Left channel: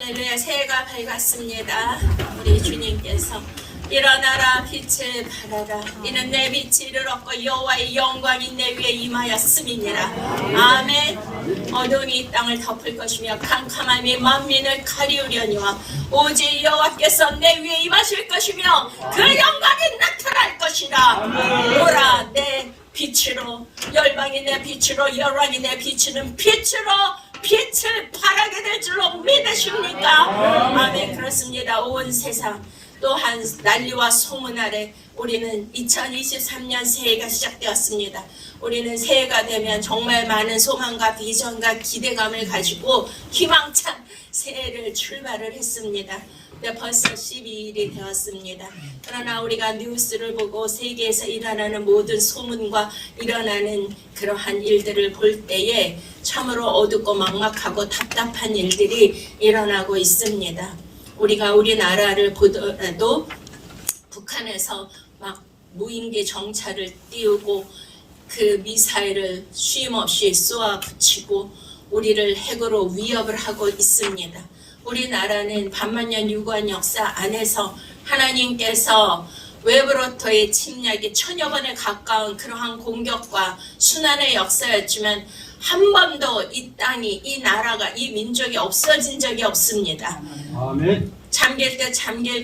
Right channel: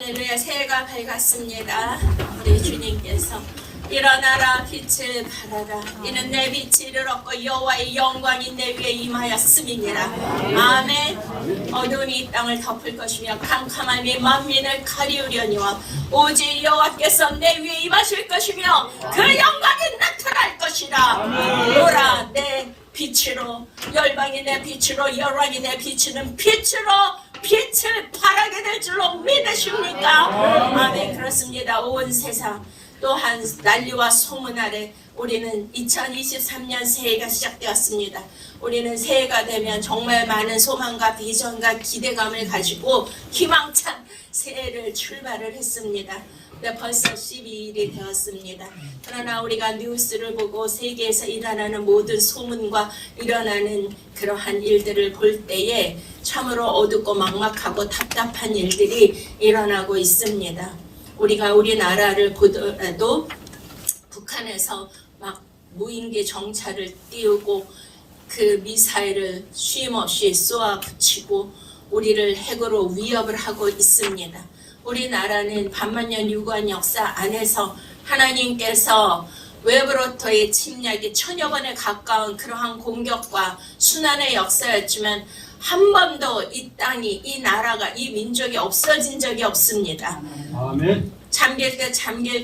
할렐루야. 새해가 밝았습니다. 우리 주님께서 일어나라 빛을 발하라 이는 내 빛이 이르렀고 여호와의 영광이 내 위에 임하였음이니라. 아멘. 어둠이 이 땅을 덮을 것이며 캄캄함이 만민을 가리우려니와 오직 여호와께서 내 위에 임하실 것이며 그 영광이 나타날 것이라. 오라 내 빛으로 열방이 내 빛으로 열왕이 내 빛은 빛으로 빛을 발하게 될 줄로 믿으십니까? 아멘. 그렇습니다. 온 세상 또한 난리와 소문 아래 우리는 2023년 새해가 시작되었습니다. 우리는 새해가 되면 정말 많은 소망과 비전과 기대감을 가지고 희망찬 새해를 출발을 했습니다. 벌써 12일이 되었습니다. 그러나 우리가 뉴스를 보고 세계에서 일어나는 모든 소문과 일어나는 그러한 일들을 볼 때에 참으로 어둡고 막막하고 답답한 일들이 일어나고 있습니다. 우리가 우리나라를 보더라도 북한에서 막 무인기 정찰을 띄우고 그 미사일을 쉼없이 쏘아붙이고 우리를 핵으로 위협을 하고 있습니다. 우리나라는 반만년 유구한 역사 안에서 하나님께서 외부로부터의 침략이 1000여 번에 가까운 그러한 공격과 순환의 역사였지만 한 번도 이 땅이, 이 나라가, 이 민족이 없어진 적이 없습니다. 아멘. 잠길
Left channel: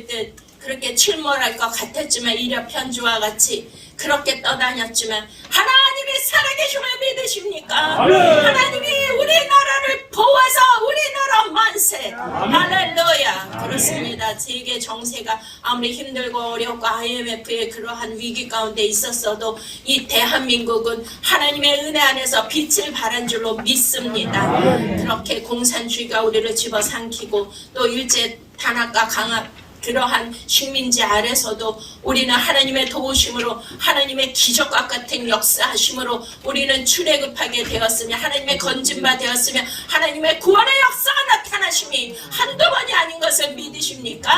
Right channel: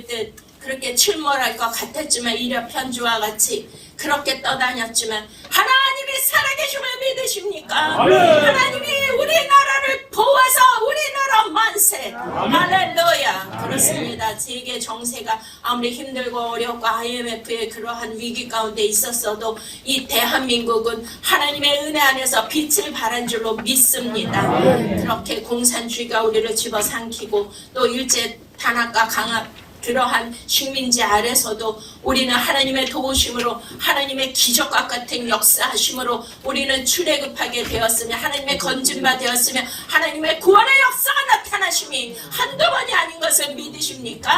듯 그렇게 침몰할 것 같았지만 이력편주와 같이 그렇게 떠다녔지만 하나님이 살아계심을 믿으십니까? 아멘. 하나님이 우리나라를 보아서 우리나라 만세. 할렐루야. 그렇습니다. 세계 정세가 아무리 힘들고 어렵고 IMF의 그러한 위기 가운데 있었어도 이 대한민국은 하나님의 은혜 안에서 빛을 발한 줄로 믿습니다. 그렇게 공산주의가 우리를 집어삼키고 또 일제 탄압과 강압 그러한 식민지 아래서도 우리는 하나님의 도우심으로 하나님의 기적과 같은 역사하심으로 우리는 출애굽하게 되었으며 하나님의 건진바 되었으며 하나님의 구원의 역사가 나타나심이 한두 번이 아닌 것을 믿으십니까?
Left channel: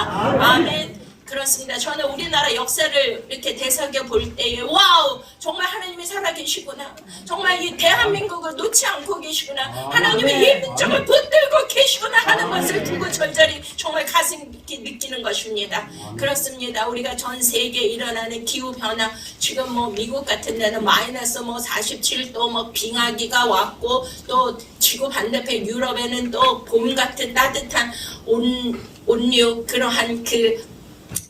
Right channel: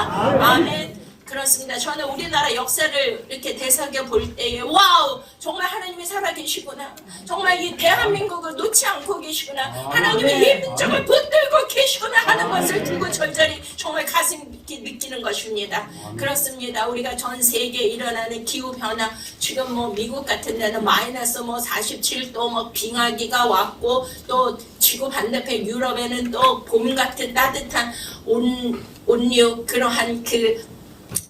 아멘. 그렇습니다. 저는 우리나라 역사를 이렇게 되새겨 볼 때에 와우, 정말 하나님이 살아계시구나. 정말 이 대한민국을 놓지 않고 계시구나. 하나님이 이 민족을 붙들고 계시구나 하는 것을 두고 절절히 정말 가슴 깊게 느끼는 것입니다. 그렇습니다. 우리가 전 세계에 일어나는 기후변화, 지금 뭐 미국 같은 데는 마이너스 뭐 47도 뭐 빙하기가 왔고 또 지구 반대편 유럽에는 또 봄 같은 따뜻한 온류 그러한 그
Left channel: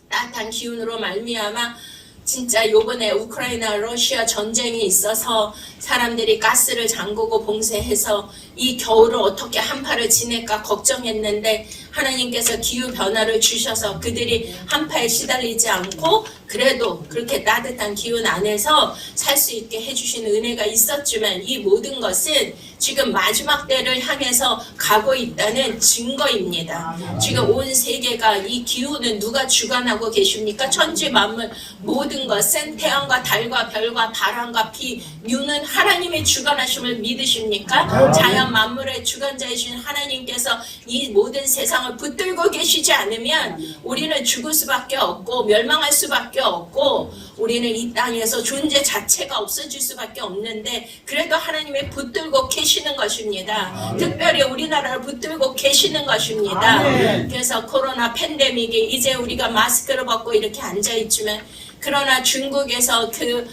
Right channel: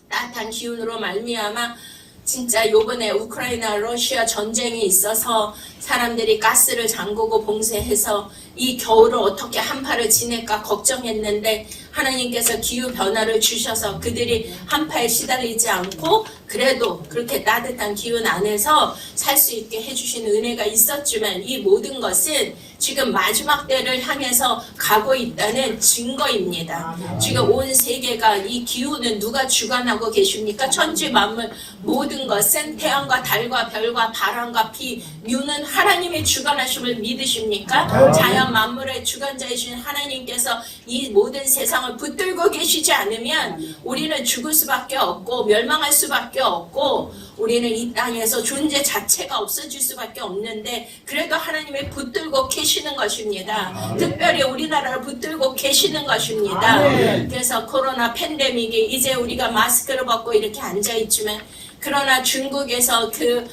따뜻한 기운으로 말미암아 진짜 요번에 우크라이나 러시아 전쟁이 있어서 사람들이 가스를 잠그고 봉쇄해서 이 겨울을 어떻게 한파를 지낼까 걱정했는데 하나님께서 기후변화를 주셔서 그들이 한파에 시달리지 않고 그래도 그렇게 따뜻한 기운 안에서 살 수 있게 해주신 은혜가 있었지만 이 모든 것은 지금 마지막 때를 향해서 가고 있다는 증거입니다. 지금 온 세계가 이 기후는 누가 주관하고 계십니까? 천지 만물 모든 것은 태양과 달과 별과 바람과 비, 류는 하나님의 주관하심을 믿으십니까? 자연 만물의 주관자이신 하나님께서 이 모든 세상을 붙들고 계시지 않으면 우리는 죽을 수밖에 없고 멸망할 수밖에 없고 우리는 이 땅에서 존재 자체가 없어질 수밖에 없는데 그래도 하나님이 붙들고 계시는 것입니다. 특별히 우리나라를 붙들고 계시는 것입니다. 그래서 코로나 팬데믹이 이제 우리가 마스크를 벗고 이렇게 앉아있지만 그러나 중국에서 그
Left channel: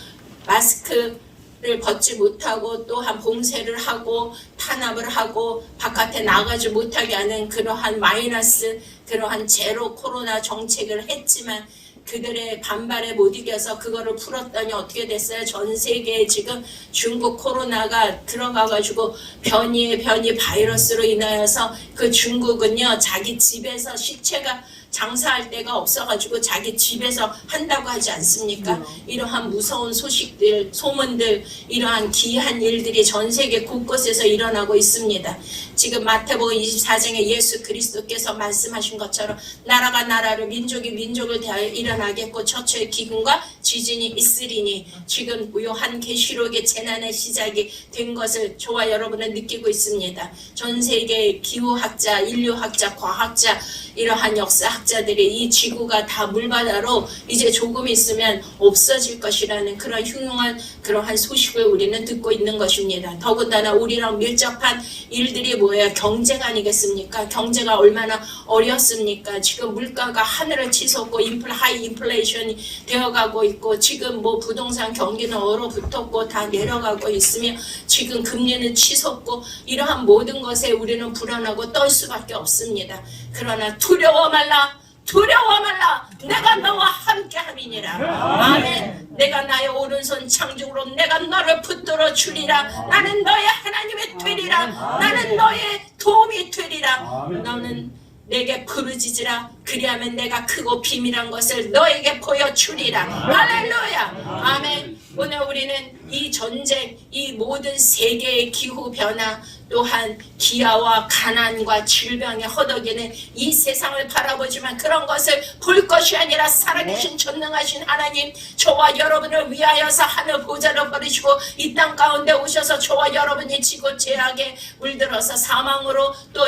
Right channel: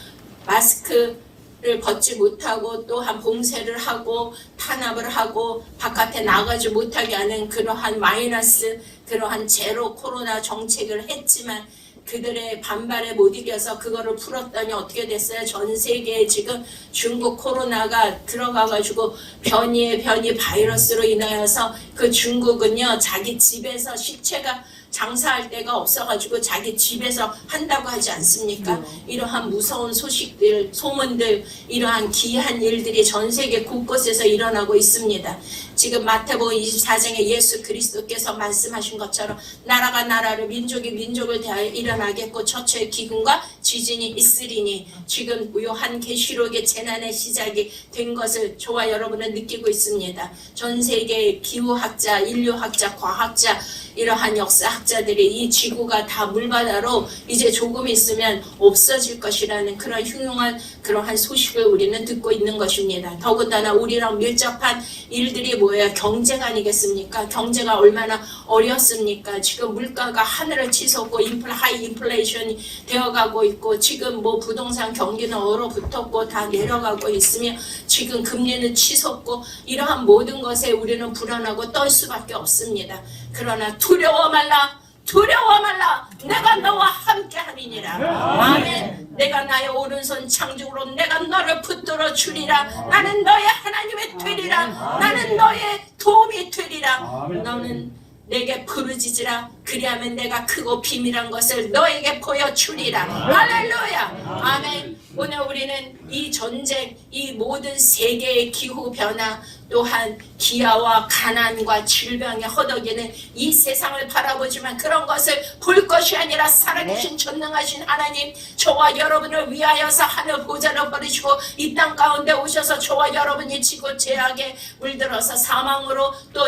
마스크를 벗지 못하고 또한 봉쇄를 하고 탄압을 하고 바깥에 나가지 못하게 하는 그러한 마이너스 그러한 제로 코로나 정책을 했지만 그들의 반발에 못 이겨서 그거를 풀었더니 어떻게 됐어요? 전 세계에 지금 중국 코로나가 들어가가지고 변이 바이러스로 인하여서 그 중국은요 자기 집에서 시체가 장사할 데가 없어가지고 자기 집에서 한다고 하지 않습니까? 이러한 무서운 소식들, 소문들, 이러한 기이한 일들이 전 세계 곳곳에서 일어나고 있습니다. 지금 마태복음 24장에 예수 그리스도께서 말씀하신 것처럼 나라가 나라를 민족이 민족을 대하여 일어나겠고 처처의 기근과 지진이 있으리니 지금 요한 계시록의 재난의 시작이 된 것을 저와 여러분은 느끼고 있습니다. 전 세계의 기후학자, 인류학자, 과학자 이러한 역사학자들이 이 지구가 다 물바다로 이제 조금 있으면 없어질 것이라는 그런 흉흉한 그러한 소식을 우리는 듣고 있는 것입니다. 더군다나 우리랑 밀접한 일들이 뭐예요? 경제가 아니겠습니까? 경제가 얼마나 어렵습니까? 지금 물가가 하늘을 치솟고 하이 인플레이션이 되어가고 있고, 지금 뭐 부동산 경기는 얼어붙었고 다 내려가고 있으며, 지금 금리는 치솟고, 이러한 모든 것에 우리는 불안하고 떨 수밖에 없습니다. 그러나 두려워 말라. 두려워 말라. 내가 너와 함께 함이니라. 아멘. 내가 나의 오른손 창중으로 내가 너를 붙들어 주리라. 나는 너의 하나님이 되리라. 나는 너의 도움이 되리라. 너는 내게 부르짖으라. 그리하면 내가 크고 비밀한 것을 너에게 보여주리라. 할렐루야. 아멘. 오늘 우리는 이 전쟁, 이 모든 세계의 기후변화, 또한 기아와 가난과 질병에 허덕이는 이 세상을 바라보지만 그런 것을 볼 것이 아니라 살아계신 전능하신 하나님, 저와 여러분을 위하여서 하늘 보좌를 버리시고 이 땅 가운데 오셔서 저와 여러분이 지고 죄악에 물들어서 사망으로 또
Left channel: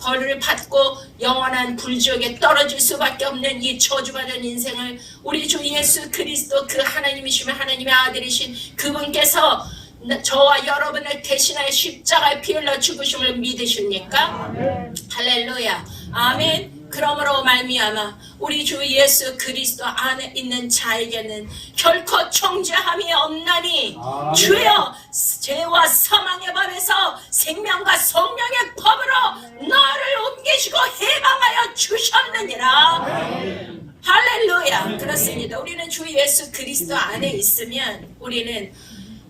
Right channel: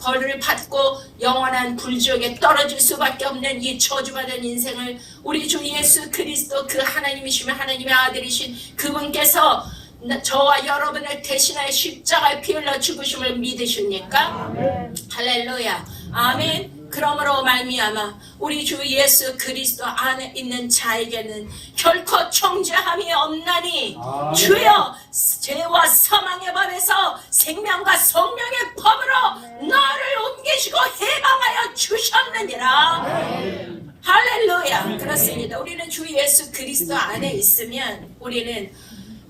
벌을 받고 영원한 불지옥에 떨어질 수밖에 없는 이 저주받은 인생을 우리 주 예수 그리스도, 그 하나님이시며 하나님의 아들이신 그분께서 저와 여러분을 대신하여 십자가에 피 흘려 죽으심을 믿으십니까? 할렐루야. 아멘. 그러므로 말미암아 우리 주 예수 그리스도 안에 있는 자에게는 결코 정죄함이 없나니, 주여 죄와 사망의 법에서 생명과 성령의 법으로 너를 옮기시고 해방하여 주셨느니라. 할렐루야. 그렇습니다. 우리는 주 예수 그리스도 안에 있으면 우리는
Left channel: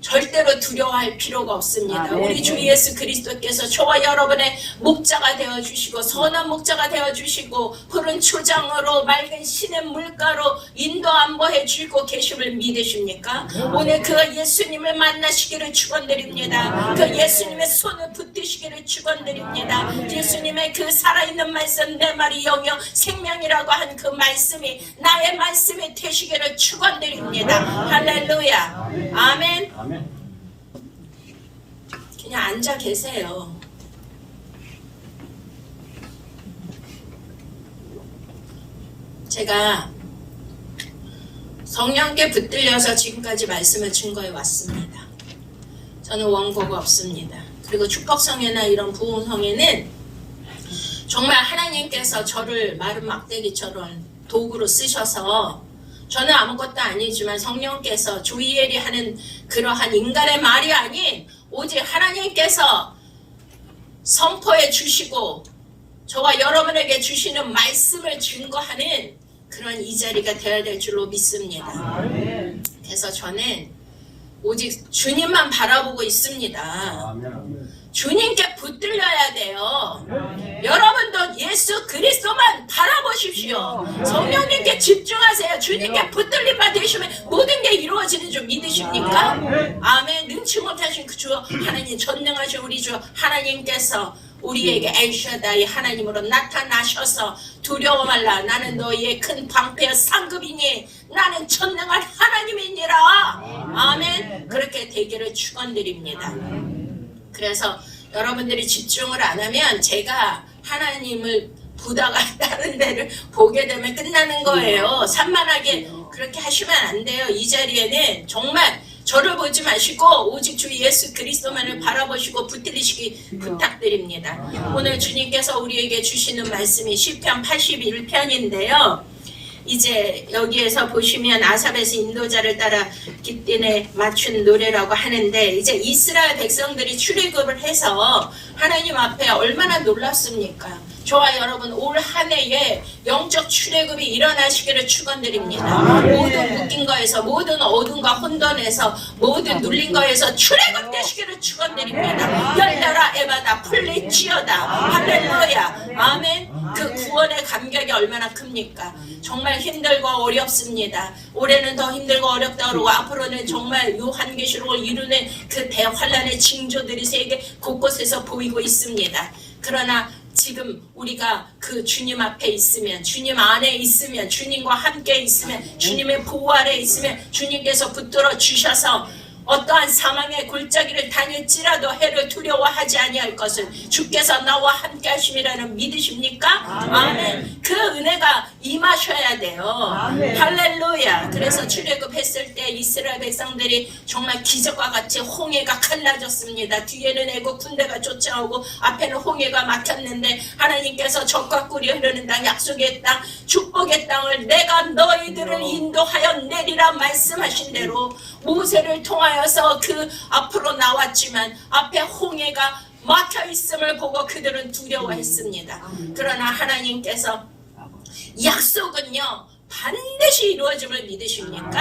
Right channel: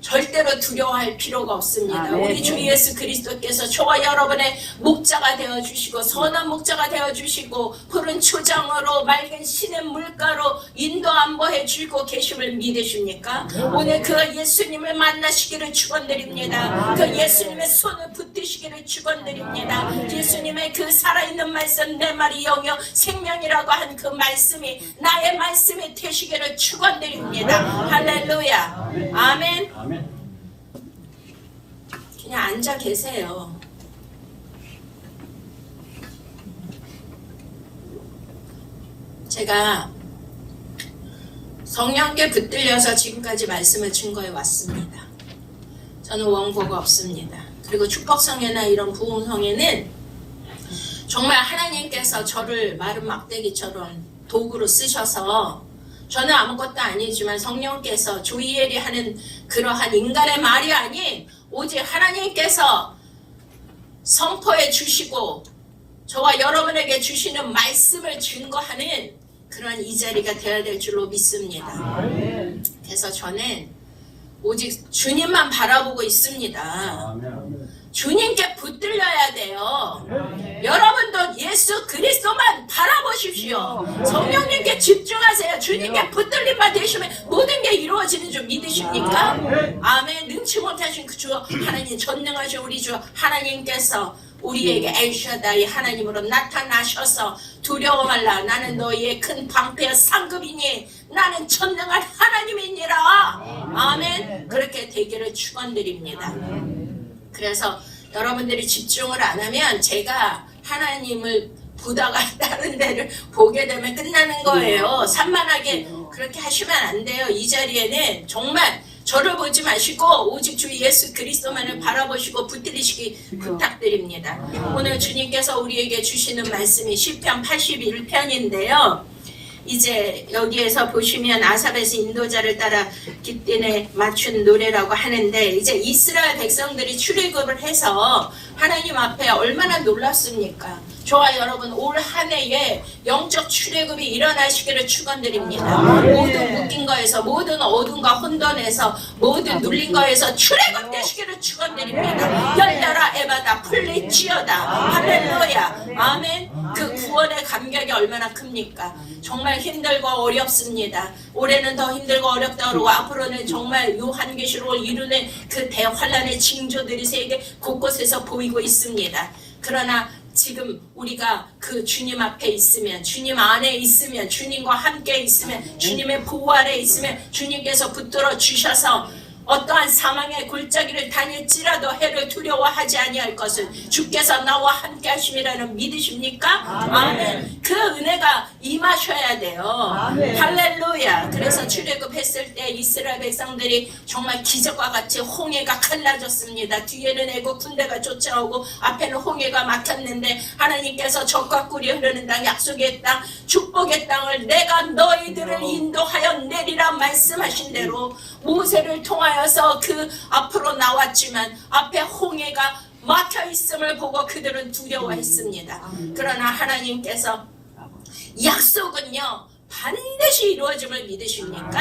절대로 두려워할 필요가 없습니다. 우리 주 예수 그리스도께서 저와 여러분의 목자가 되어주시고 선한 목자가 되어주시고 푸른 초장으로 맑은 신의 물가로 인도 안보해 주고 계심을 믿으십니까? 오늘 그 예수님을 만나시기를 축원드립니다. 그 예수님의 손을 붙드시기를 축원드립니다. 예수님의 그 살아있는 말씀, 내 말이 영영 생명이라고 한 그 말씀이 나의 말씀이 되시기를 축원드립니다. 할렐루야. 아멘. 그냥 앉아 계세요. 제가 성령께 붙들려서 지금까지 말씀을 증거해 왔습니다. 저는 원고가 없습니다. 그리고 축복성회나 이런 부흥성회는 정말 하나님께서 저를 마른 막대기처럼 도구로 쓰셔서, 저는 아무것도 아니지만 성령께서 조이엘이 하는 그러한 인간의 말이 아닌 오직 하나님께서 선포해 주시고 저와 여러분에게 주시는 말씀을 증거하는 그런 이 자리가 되어야 될 줄로 믿습니다. 그래서 저는 오직 주님만 바라보고 있습니다. 주님께 붙들려야 돼요. 여러분도 예수 그리스도만 바라보십시오. 성령님께 집중하세요. 주님께 붙들림만 되시면 모든 게 이루어지는 줄 믿으십니까? 아멘. 능치 못하신 그 주 하나님, 전능하신 우리 주 하나님께서 우리에게 엘샤다이 하나님으로 나타나셔서 두려워 말라. 나는 너희의 큰 방패와 상급이니 나는 전능한 하나님이니라. 아멘. 그렇게 되기를 축원드립니다. 그래서 여러분들이 집중을 안 하면 제가 하나님을 보다가 다른 데를 보게 되면 끝나는 거예요. 산만하게 그렇게 하시면 안 돼요. 이 자리에는 정말 저를 보지 마시고 오직 주 예수 그리스도만을 바라보시고 붙들으시기 부탁드립니다. 오늘 주님께서 우리에게 주시는 말씀이 시편 81편인데요. 이제 여기에서 보시면 아삽에서 인도자를 따라 깃딘에 맞춘 노래라고 하는데, 이제 이스라엘 백성들이 출애굽을 해서 하나님 앞에 얼마나 놀랐습니까? 저와 여러분 올 한 해에 영적 출애굽이 일어나시기를 축원드립니다. 모든 묶인 거에서, 모든 어둠과 혼돈에서, 모든 눌린 거에서 출애굽 되시기를 축원드립니다. 열려라 에바다 풀리지어다. 할렐루야. 아멘. 그 구원의 감격이 얼마나 큽니까? 정말 힘들고 어렵습니다. 올해는 더 힘들고 어렵다 그러고 앞으로는 정말 요한계시록을 이루는 그 대환란의 징조들이 세계 곳곳에서 보이고 있습니다. 그러나 지금 우리가 그 주님 앞에 있으면, 주님 안에 있으면, 주님과 함께 있으면, 주님의 보호 아래 있으면 주님께서 붙들어 주셔서 어떠한 사망의 골짜기를 다닐지라도 해를 두려워하지 아니할 것을 주께서 나와 함께 하심이라는 믿으십니까? 아멘. 그 은혜가 임하셔야 돼요. 할렐루야. 그래서 출애굽했을 때 이스라엘 백성들이 정말 기적과 같이 홍해가 갈라졌습니다. 뒤에는 애국 군대가 쫓아오고 앞에는 홍해가 막혔는데 하나님께서 적과 꿀이 흐르는 땅, 약속의 땅, 축복의 땅을 내가 너희들을 인도하여 내리라 말씀하신 대로 모세를 통하여서 그 앞으로 나왔지만 앞에 홍해가 막혀 있음을 보고 그들은 두려워했습니다. 그러나 하나님께서 약속은요 반드시 이루어짐을 믿으십니까?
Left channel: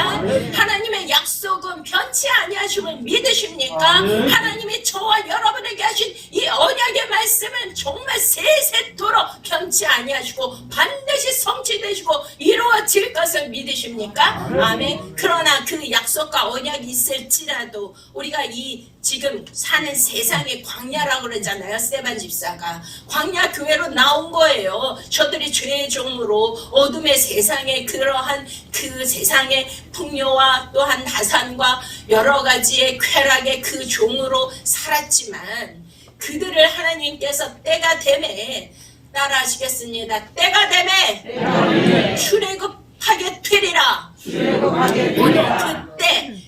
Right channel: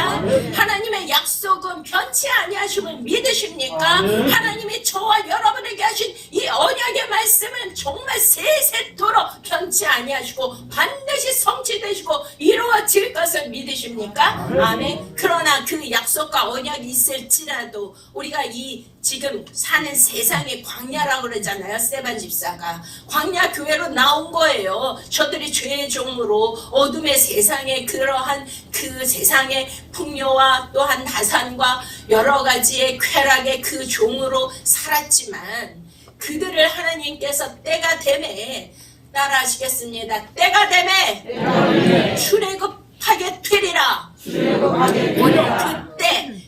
하나님의 약속은 변치 아니하심을 믿으십니까? 하나님이 저와 여러분에게 하신 이 언약의 말씀은 정말 세세토록 변치 아니하시고 반드시 성취되시고 이루어질 것을 믿으십니까? 아멘. 그러나 그 약속과 언약이 있을지라도 우리가 이 지금 사는 세상의 광야라고 그러잖아요. 스데반 집사가 광야 교회로 나온 거예요. 저들이 죄의 종으로 어둠의 세상에 그러한 그 세상의 풍요와 또한 다산과 여러 가지의 쾌락의 그 종으로 살았지만 그들을 하나님께서 때가 되매 따라하시겠습니다. 때가 되매 출애굽하게 되리라. 그때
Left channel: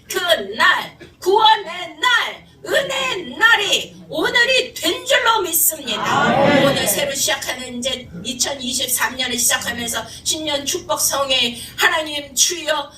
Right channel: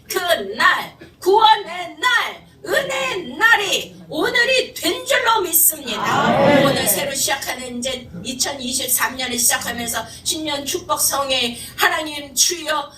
그날 구원의 날 은혜의 날이 오늘이 된 줄로 믿습니다. 오늘 새로 시작하는 이제 2023년을 시작하면서 신년 축복 성회 하나님 주여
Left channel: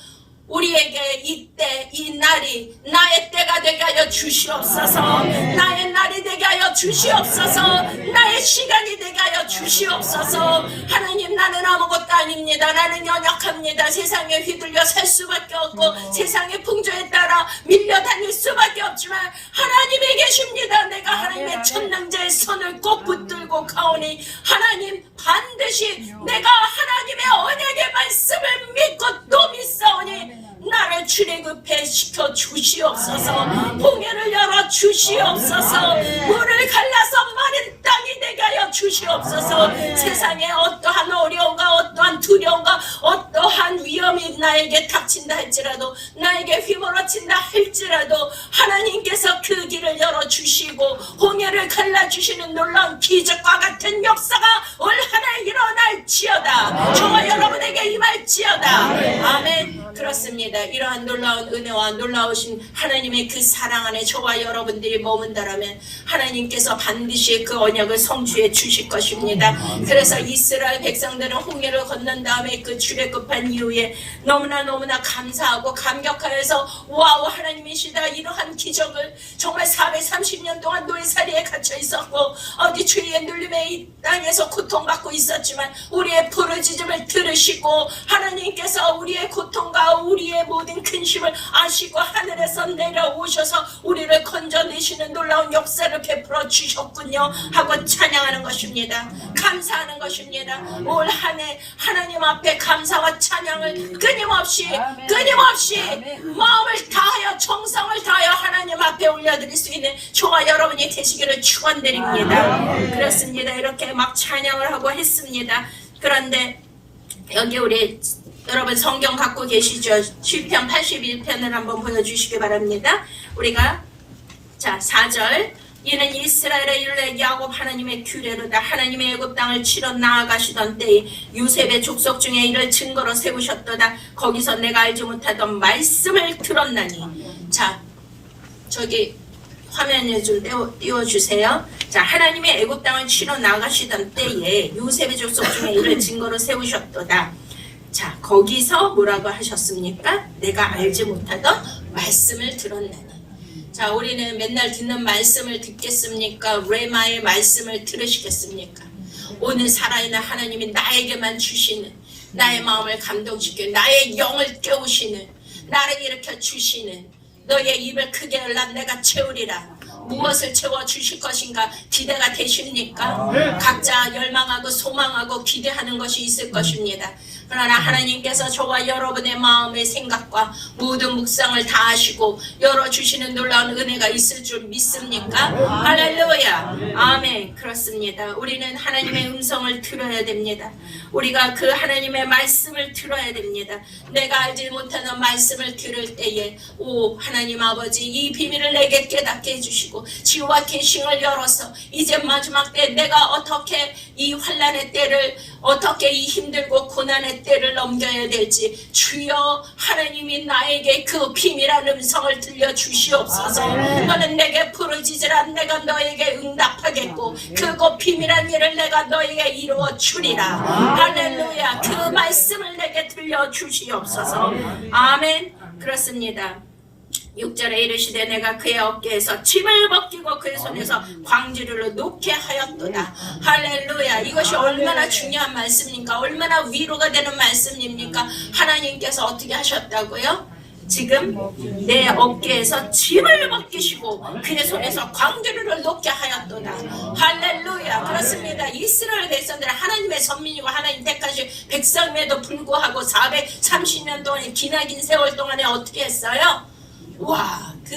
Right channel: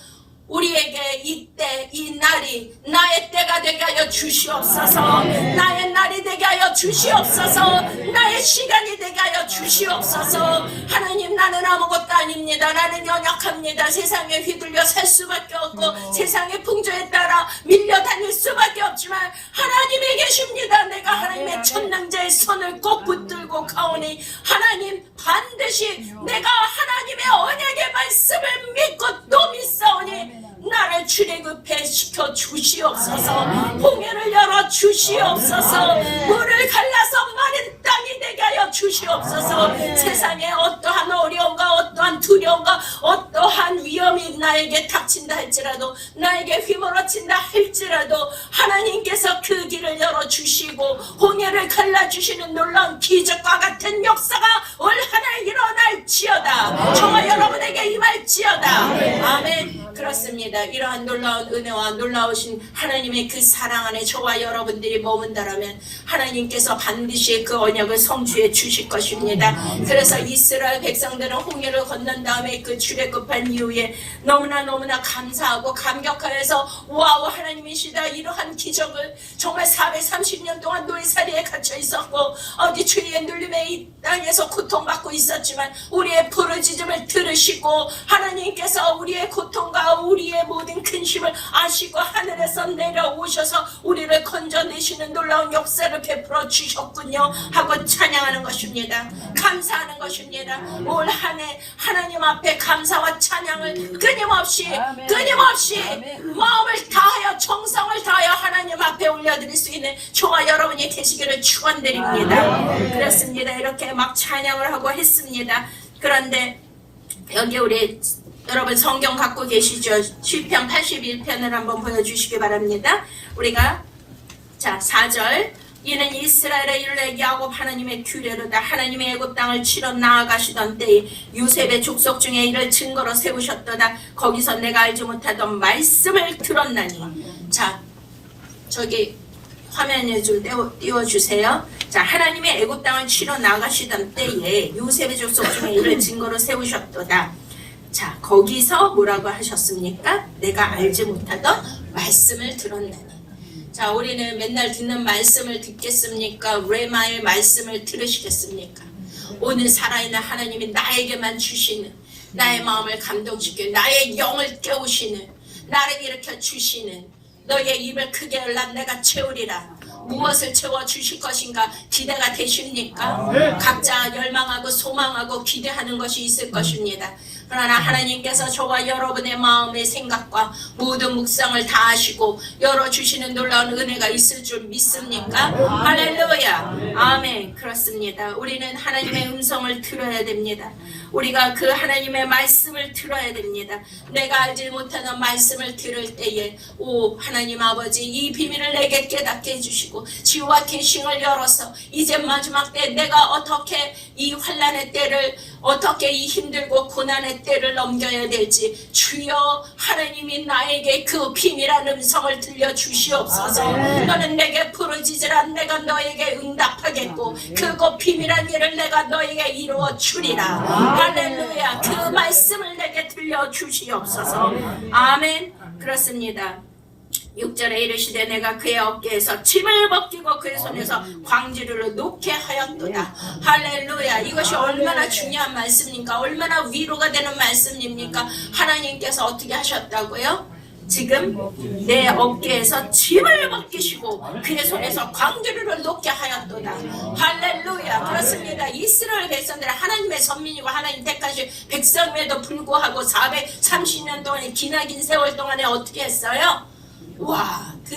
우리에게 이때 이 날이 나의 때가 되게 하여 주시옵소서. 나의 날이 되게 하여 주시옵소서. 나의 시간이 되게 하여 주시옵소서. 하나님 나는 아무것도 아닙니다. 나는 연약합니다. 세상에 휘둘려 살 수밖에 없고 세상의 풍조에 따라 밀려다닐 수밖에 없지만 하나님이 계십니다. 내가 하나님의 천능자의 손을 꼭 붙들고 가오니 하나님 반드시 내가 하나님의 언약의 말씀을 믿고 또 믿사오니 나를 출애굽해 시켜 주시옵소서. 홍해를 열어 주시옵소서. 물을 갈라서 마른 땅이 되게 하여 주시옵소서. 세상에 어떠한 어려움과 어떠한 두려움과 어떠한 위험이 나에게 닥친다 할지라도 나에게 휘몰아친다 할지라도 하나님께서 그 길을 열어 주시고 홍해를 갈라주시는 놀라운 기적과 같은 역사가 올 한해 일어날지어다. 저와 여러분에게 임할지어다. 아멘. 그렇습니다. 이러한 놀라운 은혜와 놀라우신 하나님의 그 사랑 안에 저와 여러분들이 머문다라면 하나님께서 반드시 그 언약을 성취해 주실 것입니다. 그래서 이스라엘 백성들은 홍해를 건넌 다음에 그 출애굽한 이후에 너무나 감사하고 감격하여서 와우 하나님이시다 이러한 기적을 정말 430년 동안 노예살이에 갇혀 있었고 어디 죄의 눌림에 이 땅에서 고통받고 있었지만 우리의 부르짖음을 들으시고 하나님께서 우리의 고통과 우리의 모든 근심을 아시고 하늘에서 내려오셔서 우리를 건져내시는 놀라운 역사를 베풀어 주셨군요 하고 찬양하는 것입니다. 감사하는 것입니다. 올 한 해 하나님 앞에 감사와 찬양을 끊임없이 마음을 다하여 정성을 다하여 하나님 앞에 올려드릴 수 있는 저와 여러분이 되시기를 축원드립니다. 그렇습니다. 이렇게 막 찬양을 하고 했습니다. 그런데 여기 우리 여러분 성경 갖고 계시죠? 시편 81편을 한번 보여주시기 바랍니다. 우리가 자 4절 이는 이스라엘의 율례 야곱 하나님의 규례로다. 하나님의 애굽 땅을 치러 나아가시던 때에 요셉의 족속 중에 이를 증거로 세우셨도다. 거기서 내가 알지 못하던 말씀을 들었나니. 자 저기 화면에 좀 띄워주세요. 자 하나님의 애굽 땅을 치러 나가시던 때에 요셉의 족속 중에 이를 증거로 세우셨도다. 자 거기서 뭐라고 하셨습니까? 내가 알지 못하던 말씀을 들었나니. 자 우리는 맨날 듣는 말씀을 듣겠습니까? 레마의 말씀을 들으시겠습니까? 오늘 살아있는 하나님이 나에게만 주시는 나의 마음을 감동시키는 나의 영을 깨우시는 나를 일으켜 주시는 너의 입을 크게 열라 내가 채우리라. 무엇을 채워주실 것인가 기대가 되십니까? 각자 열망하고 소망하고 기대하는 것이 있을 것입니다. 그러나 하나님께서 저와 여러분의 마음의 생각과 모든 묵상을 다 하시고 열어주시는 놀라운 은혜가 있을 줄 믿습니까? 할렐루야. 아멘. 그렇습니다. 우리는 하나님의 음성을 들어야 됩니다. 우리가 그 하나님의 말씀을 들어야 됩니다. 내가 알지 못하는 말씀을 들을 때에 오 하나님 아버지 이 비밀을 내게 깨닫게 해주시고 지와 계싱을 열어서 이제 마지막 때 내가 어떻게 이 환난의 때를 어떻게 이 힘들고 고난의 때를 넘겨야 될지 주여 하나님이 나에게 그 비밀한 음성을 들려주시옵소서. 너는 내게 부르짖으라 내가 너에게 응답하겠고 그곳 비밀한 일을 내가 너에게 이루어 주리라. 할렐루야. 그 말씀을 내게 들려주시옵소서. 아멘. 그렇습니다. 6절에 이르시되 내가 그의 어깨에서 짐을 벗기고 그의 손에서 광주리를 놓게 하였도다. 할렐루야. 이것이 얼마나 중요한 말씀입니까? 얼마나 위로가 되는 말씀입니까? 하나님께서 어떻게 하셨다고요? 지금 내 어깨에서 짐을 벗기시고 그의 손에서 광주리를 놓게 하였도다. 할렐루야. 그렇습니다. 이스라엘 백성들은 하나님의 선민이고 하나님 택하신 백성임에도 불구하고 430년 동안의 기나긴 세월 동안에 어떻게 했어요? 와, 그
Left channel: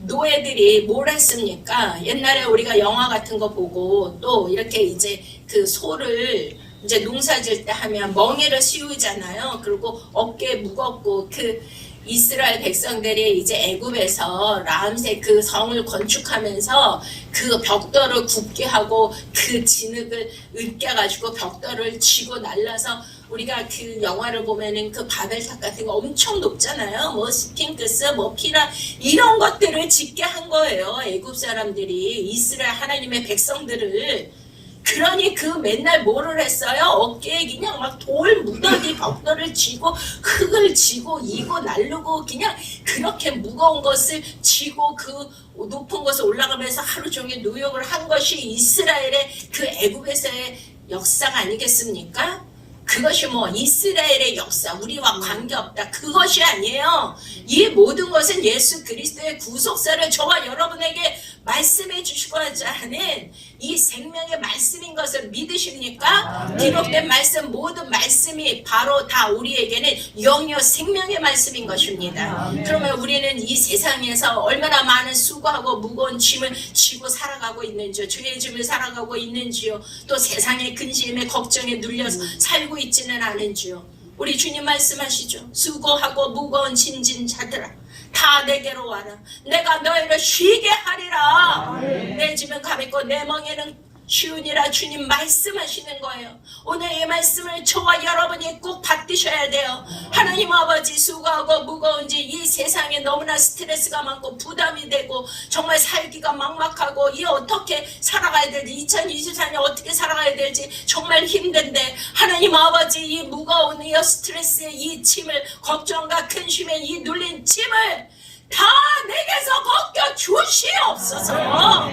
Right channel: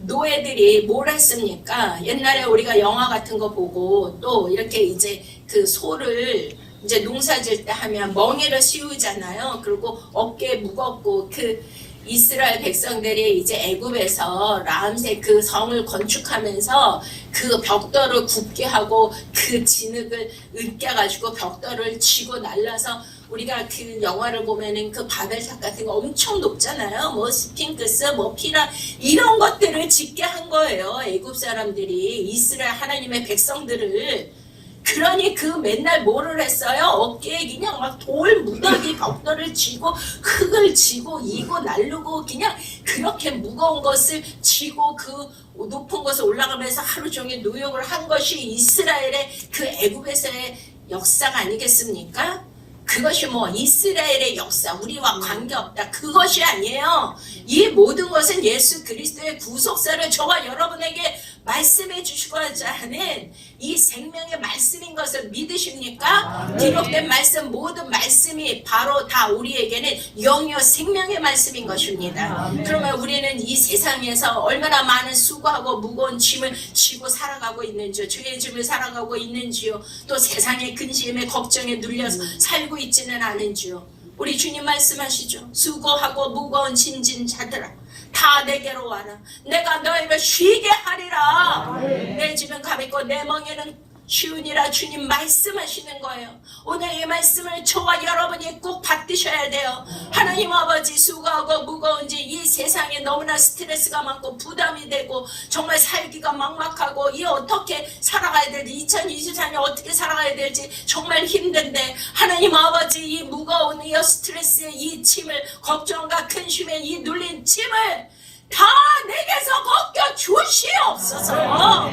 노예들이 뭘 했습니까? 옛날에 우리가 영화 같은 거 보고 또 이렇게 이제 그 소를 이제 농사 질 때 하면 멍에를 씌우잖아요. 그리고 어깨 무겁고 그 이스라엘 백성들이 이제 애굽에서 라암세 그 성을 건축하면서 그 벽돌을 굽게 하고 그 진흙을 으깨가지고 벽돌을 치고 날라서 우리가 그 영화를 보면은 그 바벨탑 같은 거 엄청 높잖아요. 뭐 스핑크스, 뭐 피라 이런 것들을 짓게 한 거예요. 애굽 사람들이 이스라엘 하나님의 백성들을. 그러니 그 맨날 뭐를 했어요? 어깨에 그냥 막 돌 무더기 벽돌을 쥐고 흙을 쥐고 이고 날르고 그냥 그렇게 무거운 것을 쥐고 그 높은 곳에 올라가면서 하루 종일 노역을 한 것이 이스라엘의 그 애굽에서의 역사가 아니겠습니까? 그것이 뭐 이스라엘의 역사, 우리와 관계없다. 그것이 아니에요. 이 모든 것은 예수 그리스도의 구속사를 저와 여러분에게 말씀해 주시고자 하는 이 생명의 말씀인 것을 믿으십니까? 기록된 말씀, 모든 말씀이 바로 다 우리에게는 영이요 생명의 말씀인 것입니다. 그러면 우리는 이 세상에서 얼마나 많은 수고하고 무거운 짐을 지고 살아가고 있는지요. 죄의 짐을 살아가고 있는지요. 또 세상의 근심에 걱정에 눌려서 살고 있지는 않은지요. 우리 주님 말씀하시죠. 수고하고 무거운 짐진 자들아 다 내게로 와라. 내가 너희를 쉬게 하리라. 내 짐은 가볍고 내 멍에는 쉬우니라. 주님 말씀하시는 거예요. 오늘 이 말씀을 저와 여러분이 꼭 받으셔야 돼요. 하나님 아버지, 수고하고 무거운지 이 세상에 너무나 스트레스가 많고 부담이 되고 정말 살기가 막막하고 이 어떻게 살아가야 될지 2024년 어떻게 살아가야 될지 정말 힘든데 하나님 아버지 이 무거운 이 스트레스의 이 짐을 걱정과 근심의 이 눌린 짐을 다 내게서 벗겨 주시옵소서.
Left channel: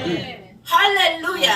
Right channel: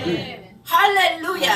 할렐루야.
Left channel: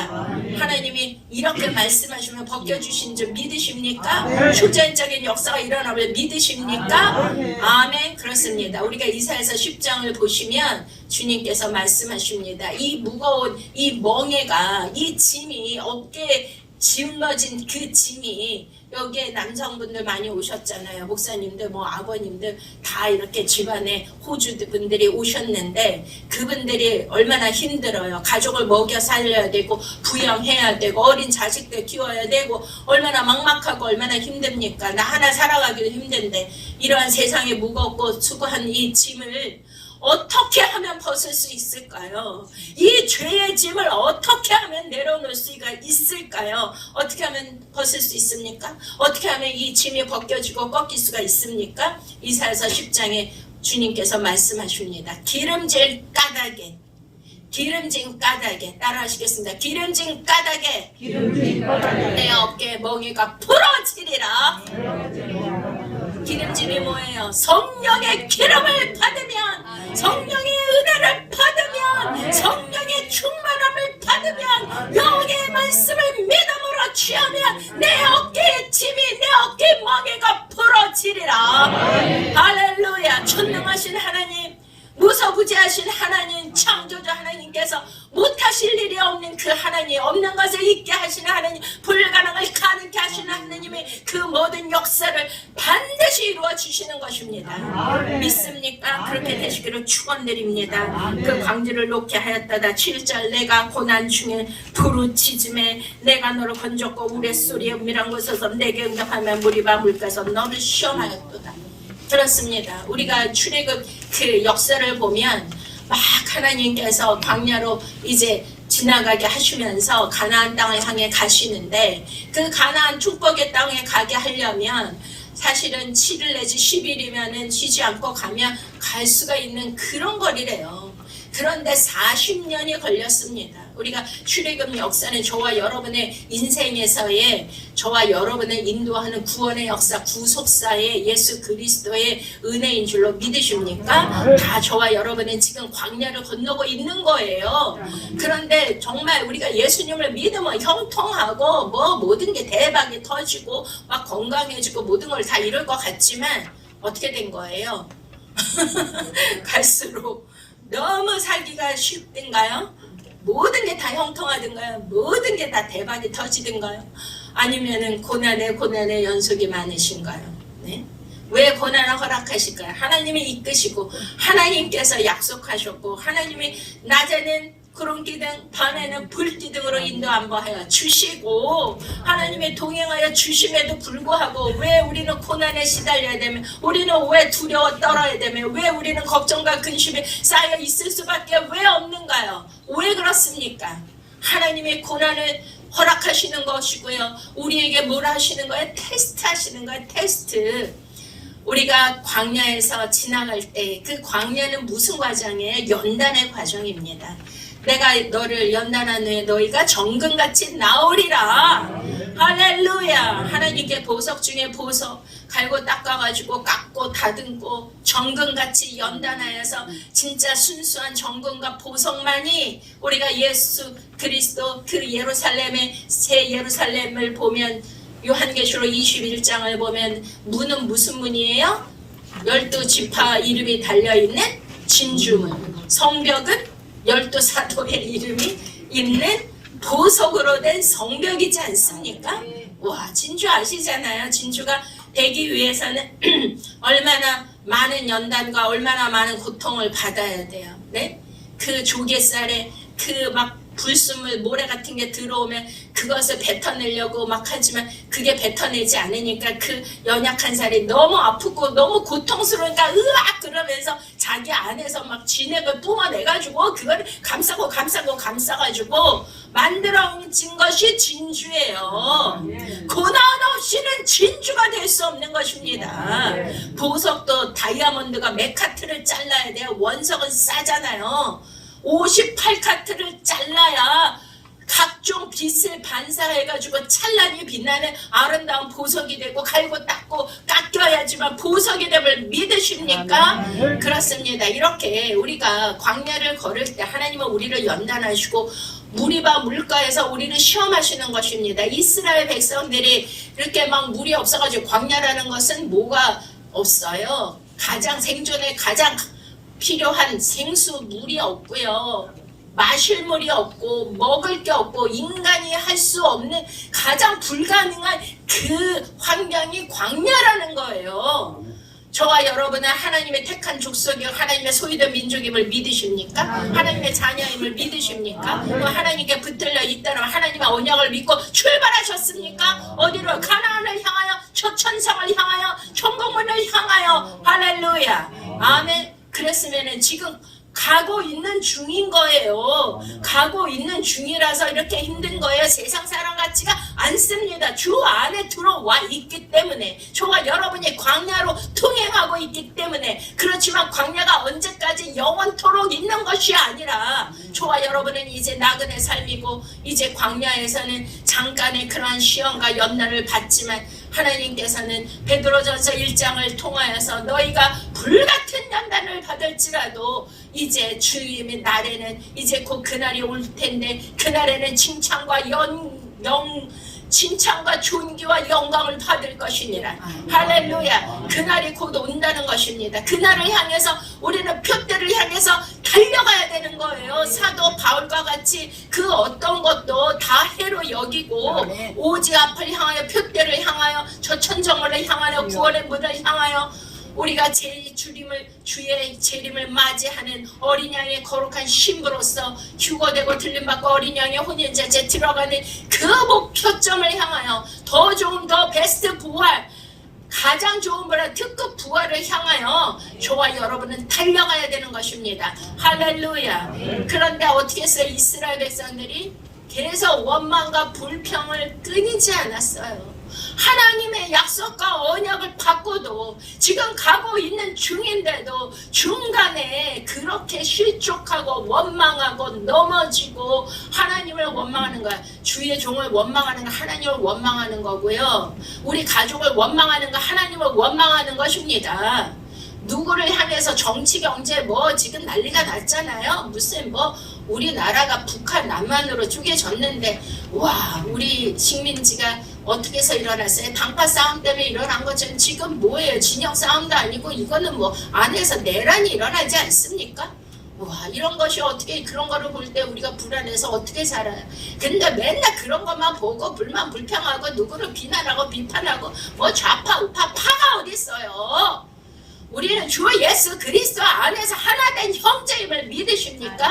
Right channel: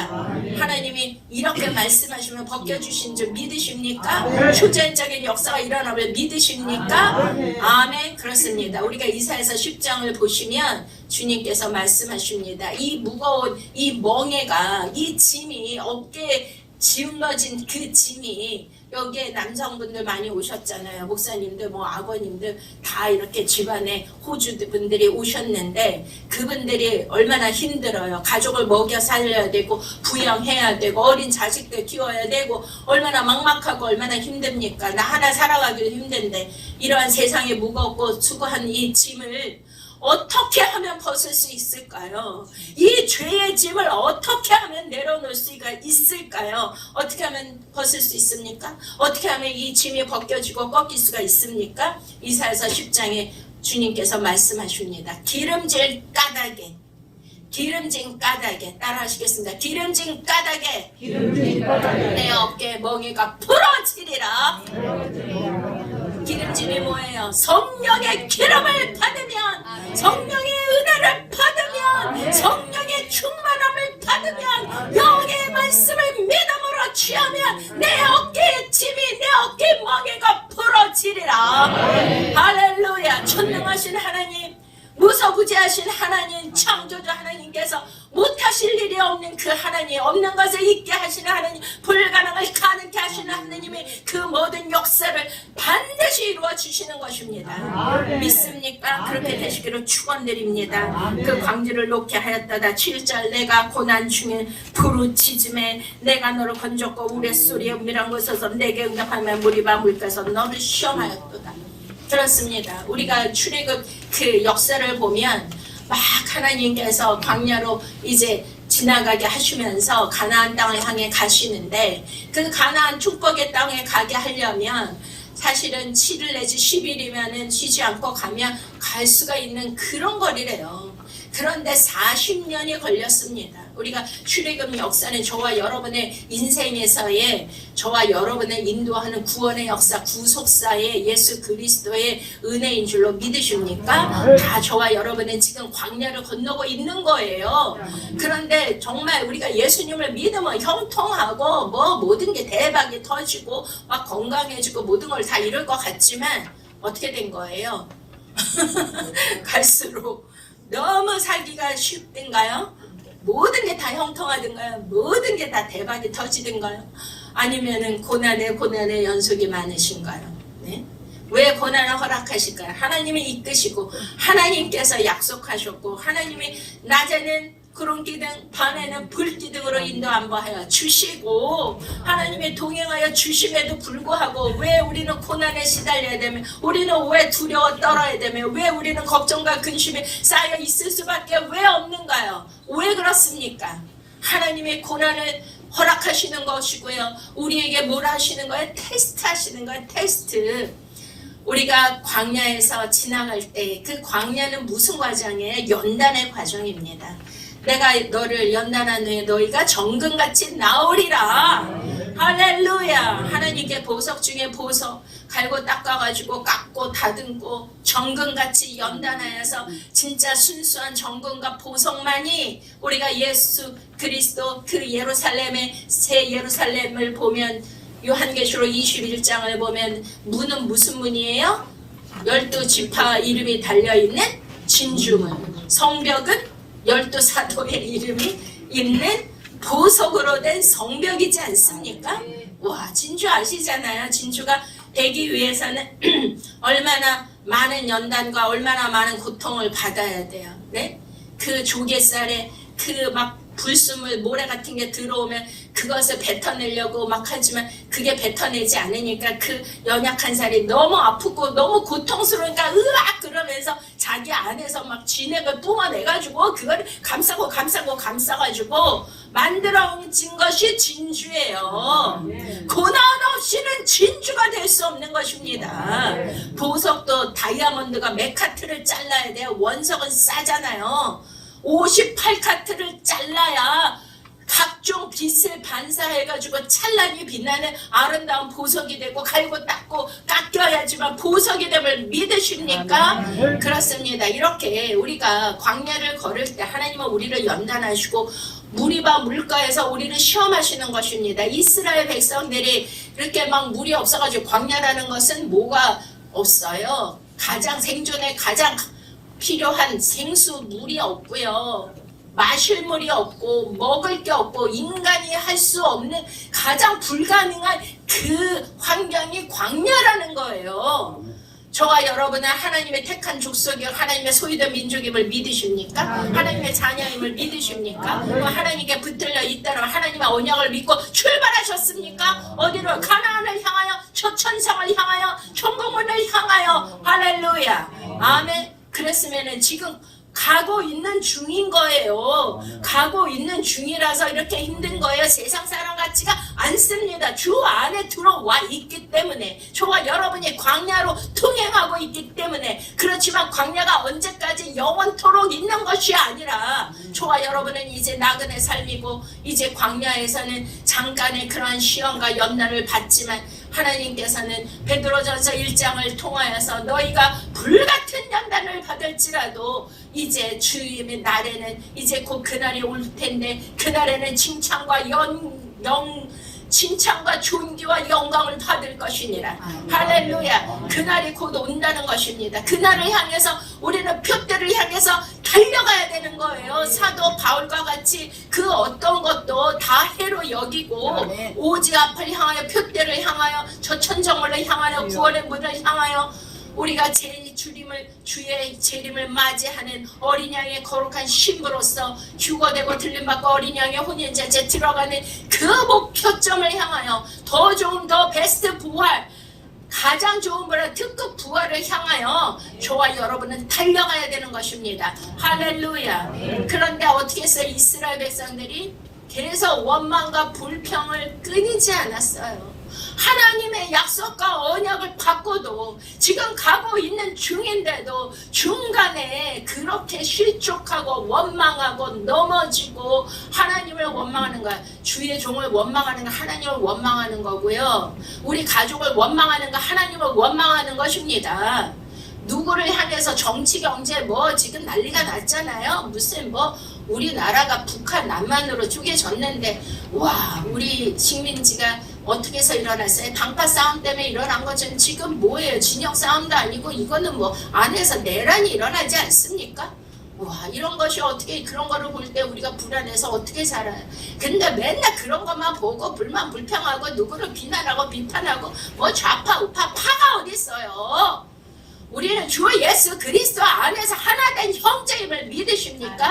하나님이 이렇게 말씀하시면 벗겨주신 줄 믿으십니까? 초자연적인 역사가 일어나면 믿으십니까? 아멘. 그렇습니다. 우리가 이사야서 10장을 보시면 주님께서 말씀하십니다. 이 무거운 이 멍에가 이 짐이 어깨에 지울러진 그 짐이 여기에 남성분들 많이 오셨잖아요. 목사님들 뭐 아버님들 다 이렇게 집안에 호주 분들이 오셨는데 그분들이 얼마나 힘들어요. 가족을 먹여 살려야 되고 부양해야 되고 어린 자식들 키워야 되고 얼마나 막막하고 얼마나 힘듭니까? 나 하나 살아가기도 힘든데 이러한 세상에 무겁고 수고한 이 짐을 어떻게 하면 벗을 수 있을까요? 이 죄의 짐을 어떻게 하면 내려놓을 수가 있을까요? 어떻게 하면 벗을 수 있습니까? 어떻게 하면 이 짐이 벗겨지고 꺾일 수가 있습니까? 이사야서 10장에 주님께서 말씀하십니다. 기름진 까닭에 따라 하시겠습니다. 기름진 까닭에 내 어깨 멍에가 부러지리라. 기름짐이 뭐예요? 성령의 기름을 받으면, 성령의 은혜를 받으면, 성령의 충만함을 받으면, 여기의 말씀을 믿음으로 취하면 내 어깨의 짐이 내 어깨 멍에가 부러지리라. 할렐루야. 전능하신 하나님, 무소부지하신 하나님, 창조자 하나님께서 못하실 일이 없는 그 하나님, 없는 것을 있게 하시는 하나님, 불가능을 가능케 하시는 하나님의 그 모든 역사를 반드시 이루어 주시는 것입니다. 믿습니까? 그렇게 되시기를 축원드립니다. 그 광주를 놓게 하였다다. 7절 내가 고난 중에 부르짖음에 내가 너를 건졌고 우레소리에 은밀한 곳에서 내게 응답하면 물이 물가서 너를 시험하였도다. 그렇습니다. 우리가 출애굽 그 역사를 보면 막 하나님께서 광야로 이제 지나가게 하시면서 가나안 땅을 향해 가시는데, 그 가나안 축복의 땅에 가게 하려면 사실은 7일 내지 10일이면은 쉬지 않고 가면 갈 수가 있는 그런 거리래요. 그런데 40년이 걸렸습니다. 우리가 출애굽 역사는 저와 여러분의 인생에서의, 저와 여러분을 인도하는 구원의 역사, 구속사의 예수 그리스도의 은혜인 줄로 믿으십니까? 다 저와 여러분은 지금 광야를 건너고 있는 거예요. 그런데 정말 우리가 예수님을 믿으면 형통하고 뭐 모든 게 대박이 터지고 막 건강해지고 모든 걸 다 이룰 것 같지만 어떻게 된 거예요? 갈수록 너무 살기가 쉽든가요? 모든 게 다 형통하든가요? 모든 게 다 대박이 터지든가요? 아니면은 고난의 연속이 많으신가요? 네? 왜 고난을 허락하실까요? 하나님이 이끄시고 하나님께서 약속하셨고 하나님이 낮에는 구름기둥 밤에는 불기둥으로 인도 안보하여 주시고 하나님의 동행하여 주심에도 불구하고 왜 우리는 고난에 시달려야 되며, 우리는 왜 두려워 떨어야 되며, 왜 우리는 걱정과 근심에 쌓여 있을 수밖에 왜 없는가요? 왜 그렇습니까? 하나님의 고난을 허락하시는 것이고요, 우리에게 뭘 하시는 거예요? 테스트 하시는 거예요. 테스트. 우리가 광야에서 지나갈 때 그 광야는 무슨 과정이에요? 연단의 과정입니다. 내가 너를 연단한 후에 너희가 정금같이 나오리라. 할렐루야. 하나님께 보석 중에 보석 갈고 닦아가지고 깎고 다듬고 정금같이 연단하여서 진짜 순수한 정금과 보석만이 우리가 예수 그리스도 그 예루살렘의 새 예루살렘을 보면, 요한계시록 21장을 보면 문은 무슨 문이에요? 12지파 이름이 달려있는 진주문. 성벽은 12사도의 이름이 있는 보석으로 된 성벽이지 않습니까? 와, 진주 아시잖아요. 진주가 되기 위해서는 얼마나 많은 연단과 얼마나 많은 고통을 받아야 돼요. 네? 그 조개살에 그 막 불순물 모래 같은 게 들어오면 그것을 뱉어내려고 막 하지만 그게 뱉어내지 않으니까 그 연약한 살이 너무 아프고 너무 고통스러우니까 으악 그러면서 자기 안에서 막 진액을 뿜어내가지고 그걸 감싸가지고 만들어진 것이 진주예요. 고난 없이는 진주가 될 수 없는 것입니다. 보석도 다이아몬드가 몇 카트를 잘라야 돼요. 원석은 싸잖아요. 58카트를 잘라야 각종 빛을 반사해가지고 찬란히 빛나는 아름다운 보석이 되고 갈고 닦고 깎여야지만 보석이 됨을 믿으십니까? 그렇습니다. 이렇게 우리가 광야를 걸을 때 하나님은 우리를 연단하시고 무리바 물가에서 우리를 시험하시는 것입니다. 이스라엘 백성들이 이렇게 막 물이 없어가지고, 광야라는 것은 뭐가 없어요. 가장 생존에 가장 필요한 생수 물이 없고요, 마실 물이 없고 먹을 게 없고 인간이 할 수 없는 가장 불가능한 그 환경이 광야라는 거예요. 저와 여러분은 하나님의 택한 족속이요 하나님의 소유된 민족임을 믿으십니까? 하나님의 자녀임을 믿으십니까? 하나님께 붙들려 있다는 하나님의 언약을 믿고 출발하셨습니까? 어디로? 가나안을 향하여, 천성을 향하여, 천국문을 향하여. 할렐루야. 아멘. 그랬으면은 지금 가고 있는 중인 거예요. 가고 있는 중이라서 이렇게 힘든 거예요. 세상 사람 같지가 않습니다. 주 안에 들어와 있기 때문에, 저와 여러분이 광야로 통행하고 있기 때문에. 그렇지만 광야가 언제까지 영원토록 있는 것이 아니라 저와 여러분은 이제 나그네 삶이고 이제 광야에서는 잠깐의 그러한 시험과 연단을 받지만 하나님께서는 베드로전서 1장을 통하여서 너희가 불같은 연단을 받을지라도 이제 주님의 날에는 이제 곧 그날이 올 텐데 그날에는 칭찬과 칭찬과 존귀와 영광을 받을 것이니라. 할렐루야. 그날이 곧 온다는 것입니다. 그날을 향해서 우리는 표대를 향해서 달려가야 되는 거예요. 사도 바울과 같이 그 어떤 것도 다 해로 여기고 오지 앞을 향하여, 표대를 향하여, 저 천정을 향하여, 구원의 문을 향하여 우리가 주의 재림을 맞이하는 어린 양의 거룩한 신부로서 휴거되고 들림받고 어린 양의 혼인제에 들어가는 그 목표점을 향하여 더 좋은 더 베스트 부활 가장 좋은 분의 특급 부활을 향하여 저와 여러분은 달려가야 되는 것입니다. 할렐루야. 그런데 어떻게 했어요? 이스라엘 백성들이 계속 원망과 불평을 끊이지 않았어요. 하나님의 약속과 언약을 받고도 지금 가고 있는 중인데도 중간에 그렇게 실족하고 원망하고 넘어지고 하나님을 원망하는 거야. 주의 종을 원망하는 건 하나님을 원망하는 거고요. 우리 가족을 원망하는 건 하나님을 원망하는 것입니다. 누구를 향해서 정치 경제 뭐 지금 난리가 났잖아요. 무슨 뭐 우리나라가 북한 남한으로 쪼개졌는데 와 우리 식민지가 어떻게 해서 일어났어요? 당파 싸움 때문에 일어난 것처럼 지금 뭐예요? 진영 싸움도 아니고 이거는 뭐 안에서 내란이 일어나지 않습니까? 와 이런 것이 어떻게 그런 거를 볼 때 우리가 불안해서 어떻게 살아요? 근데 맨날 그런 것만 보고 불만 불평하고 누구를 비난하고 비판하고 뭐 좌파 우파 파가 어디 있어요? 우리는 주 예수 그리스도 안에서 하나된 형제임을 믿으십니까?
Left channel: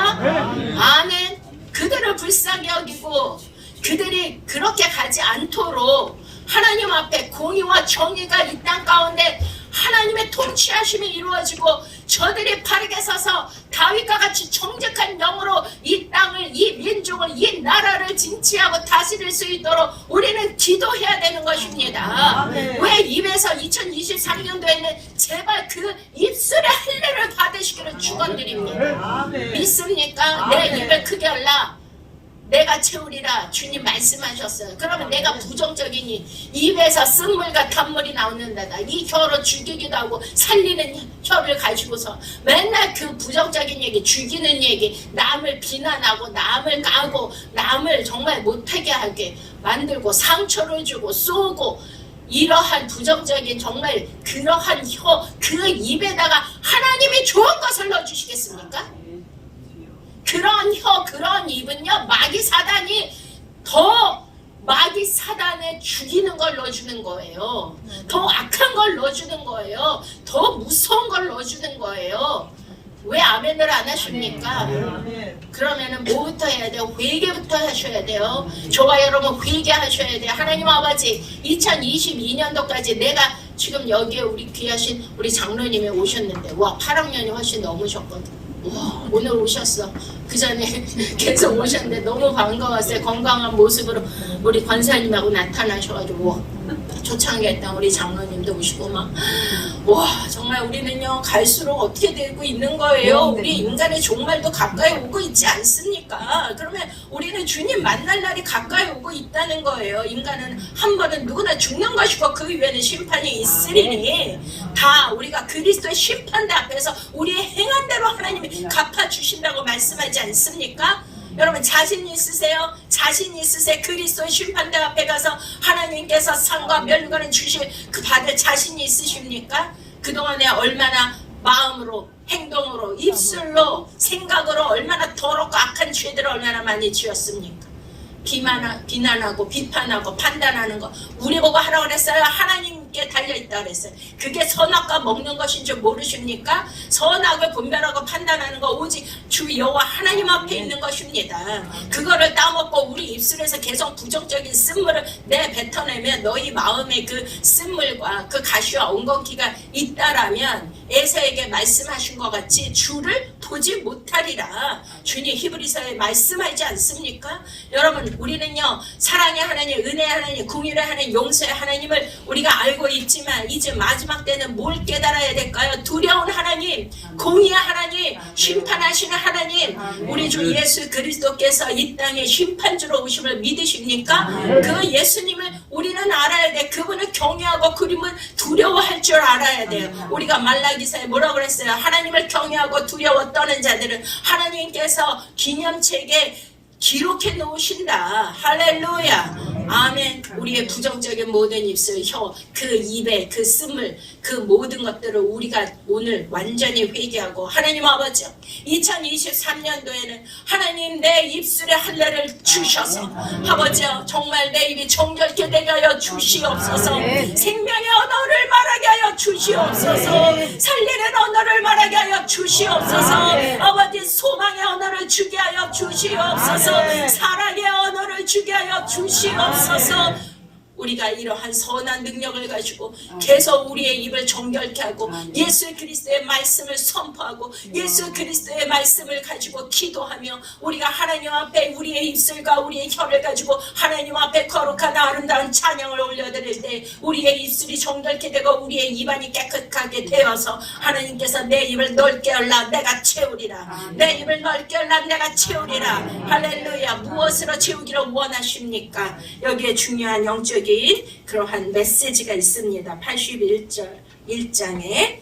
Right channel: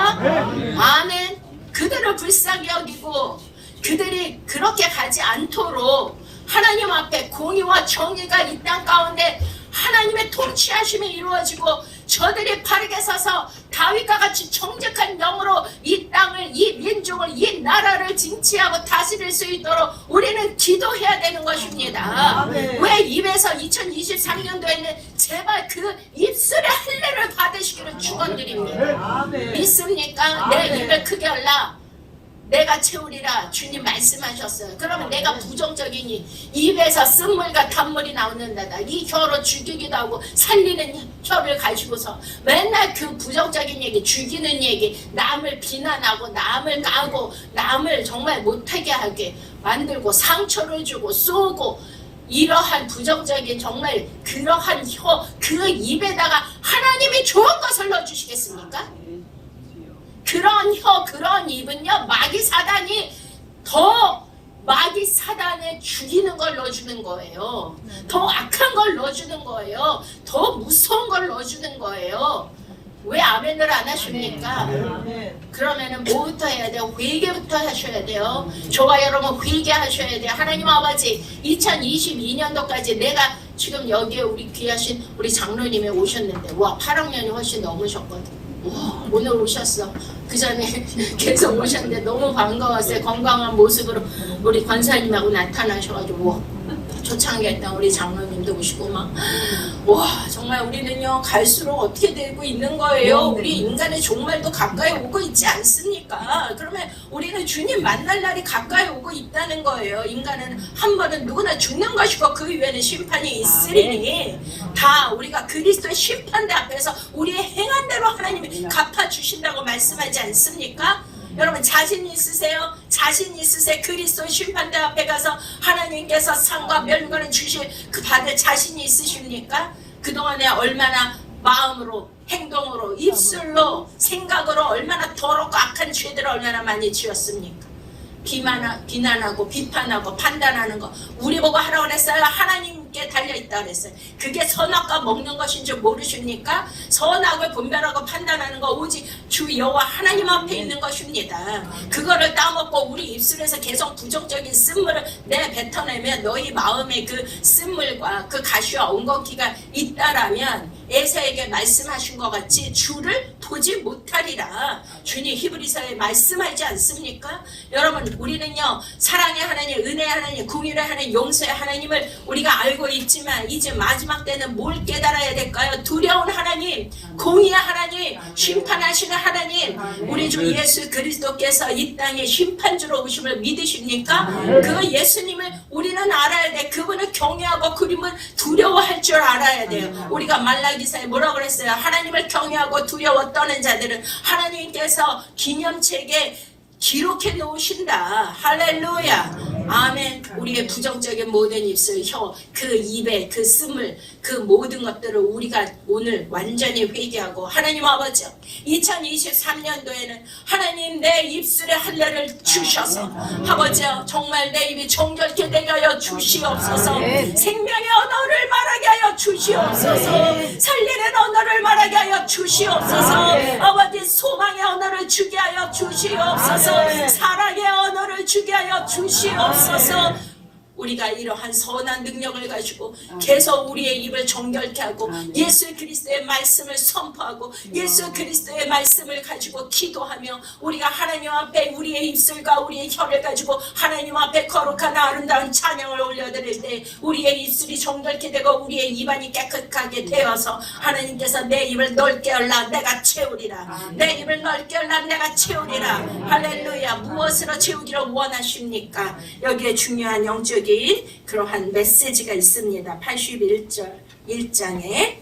아멘. 그들을 불쌍히 여기고 그들이 그렇게 가지 않도록 하나님 앞에 공의와 정의가 이 땅 가운데 하나님의 통치하심이 이루어지고 저들이 바르게 서서 다윗과 같이 정직한 영으로 이 땅을 이 민족을 이 나라를 진치하고 다스릴 수 있도록 우리는 기도해야 되는 것입니다. 왜 입에서 2023년도에는 제발 그 입술의 할례를 받으시기를 축원드립니다. 믿습니까? 내 입을 크게 열라 내가 채우리라 주님 말씀하셨어요. 그러면 내가 부정적이니 입에서 쓴물과 단물이 나오는다다. 이 혀로 죽이기도 하고 살리는 혀를 가지고서 맨날 그 부정적인 얘기 죽이는 얘기 남을 비난하고 남을 까고 남을 정말 못하게 하게 만들고 상처를 주고 쏘고 이러한 부정적인 정말 그러한 혀 그 입에다가 하나님이 좋은 것을 넣어주시겠습니까? 그런 혀, 그런 입은요, 마귀 사단이 더 마귀 사단에 죽이는 걸 넣어주는 거예요. 더 악한 걸 넣어주는 거예요. 더 무서운 걸 넣어주는 거예요. 왜 아멘을 안 하십니까? 그러면은 뭐부터 해야 돼요? 회개부터 하셔야 돼요. 저와 여러분 회개하셔야 돼요. 하나님 아버지 2022년도까지 내가 지금 여기에 우리 귀하신 우리 장로님이 오셨는데 와 8학년이 훨씬 넘으셨거든. 와, 오늘 오셨어. 그 전에 계속 오셨는데 너무 반가웠어요. 건강한 모습으로 우리 권사님하고 나타나셔가지고 초창기 했던 우리 장로님도 오시고 막 와 정말 우리는요 갈수록 어떻게 되고 있는 거예요. 우리 인간의 종말도 가까이 오고 있지 않습니까? 그러면 우리는 주님 만날 날이 가까이 오고 있다는 거예요. 인간은 한 번은 누구나 죽는 것이고 그 위에는 심판이 있으리니 다 우리가 그리스도의 심판대 앞에서 우리의 행한 대로 하나님이 갚아주신다고 말씀하지 않습니까? 여러분 자신 있으세요? 자신 있으세요? 그리스도의 심판대 앞에 가서 하나님께서 상과 멸관을 주실 그 받을 자신이 있으십니까? 그동안에 얼마나 마음으로 행동으로 입술로 생각으로 얼마나 더럽고 악한 죄들을 얼마나 많이 지었습니까? 비난하고 비판하고 판단하는 거 우리 보고 하라고 그랬어요? 하나님께 달려있다 그랬어요. 그게 선악과 먹는 것인 줄 모르십니까? 선악을 분별하고 판단하는 거 오직 주 여호와 하나님 앞에 있는 것입니다. 그거를 따먹고 우리 입술에서 계속 부정적인 쓴물을 내뱉어내면 너희 마음에 그 쓴물과 그 가시와 엉겅퀴가 있다라면 에사에게 말씀하신 것 같이 주를 보지 못하리라. 주님 히브리서에 말씀하지 않습니까? 여러분 우리는요 사랑의 하나님, 은혜의 하나님, 궁일의 하나님, 용서의 하나님을 우리가 알고 있지만 이제 마지막 때는 뭘 깨달아야 될까요? 두려운 하나님, 공의의 하나님, 심판하시는 하나님, 우리 주 예수 그리스도께서 이 땅에 심판주로 오심을 믿으십니까? 그 예수님을 우리는 알아야 돼. 그분을 경외하고 그분을 두려워할 줄 알아야 돼요. 우리가 말라기서에 뭐라고 그랬어요? 하나님을 경외하고 두려워 떠는 자들은 하나님께서 기념책에 기록해 놓으신다. 할렐루야. 아멘. 우리의 부정적인 모든 입술, 혀, 그 입에 그 쓴물, 그 모든 것들을 우리가 오늘 완전히 회개하고 하나님 아버지 2023년도에는 하나님 내 입술에 할례를 주셔서 아버지여 정말 내 입이 정결케 되게 하여 주시옵소서. 생명의 언어를 말하게 하여 주시옵소서. 살리는 언어를 말하게 하여 주시옵소서. 아버지 소망의 언어를 주게 하여 주시옵소서. 사랑의 언어를 주게 하여 주시옵소서. 우리가 이러한 선한 능력을 가지고 계속 우리의 입을 정결케 하고 예수 그리스도의 말씀을 선포하고 예수 그리스도의 말씀을 가지고 기도하며 우리가 하나님 앞에 우리의 입술과 우리의 혀를 가지고 하나님 앞에 거룩한 아름다운 찬양을 올려드릴 때 우리의 입술이 정결케 되고 우리의 입안이 깨끗하게 되어서 하나님께서 내 입을 넓게 열라 내가 채우리라. 내 입을 넓게 열라 내가 채우리라. 할렐루야. 무엇으로 채우기를 원하십니까? 여기에 중요한 영적인 그러한 메시지가 있습니다. 81절 1장에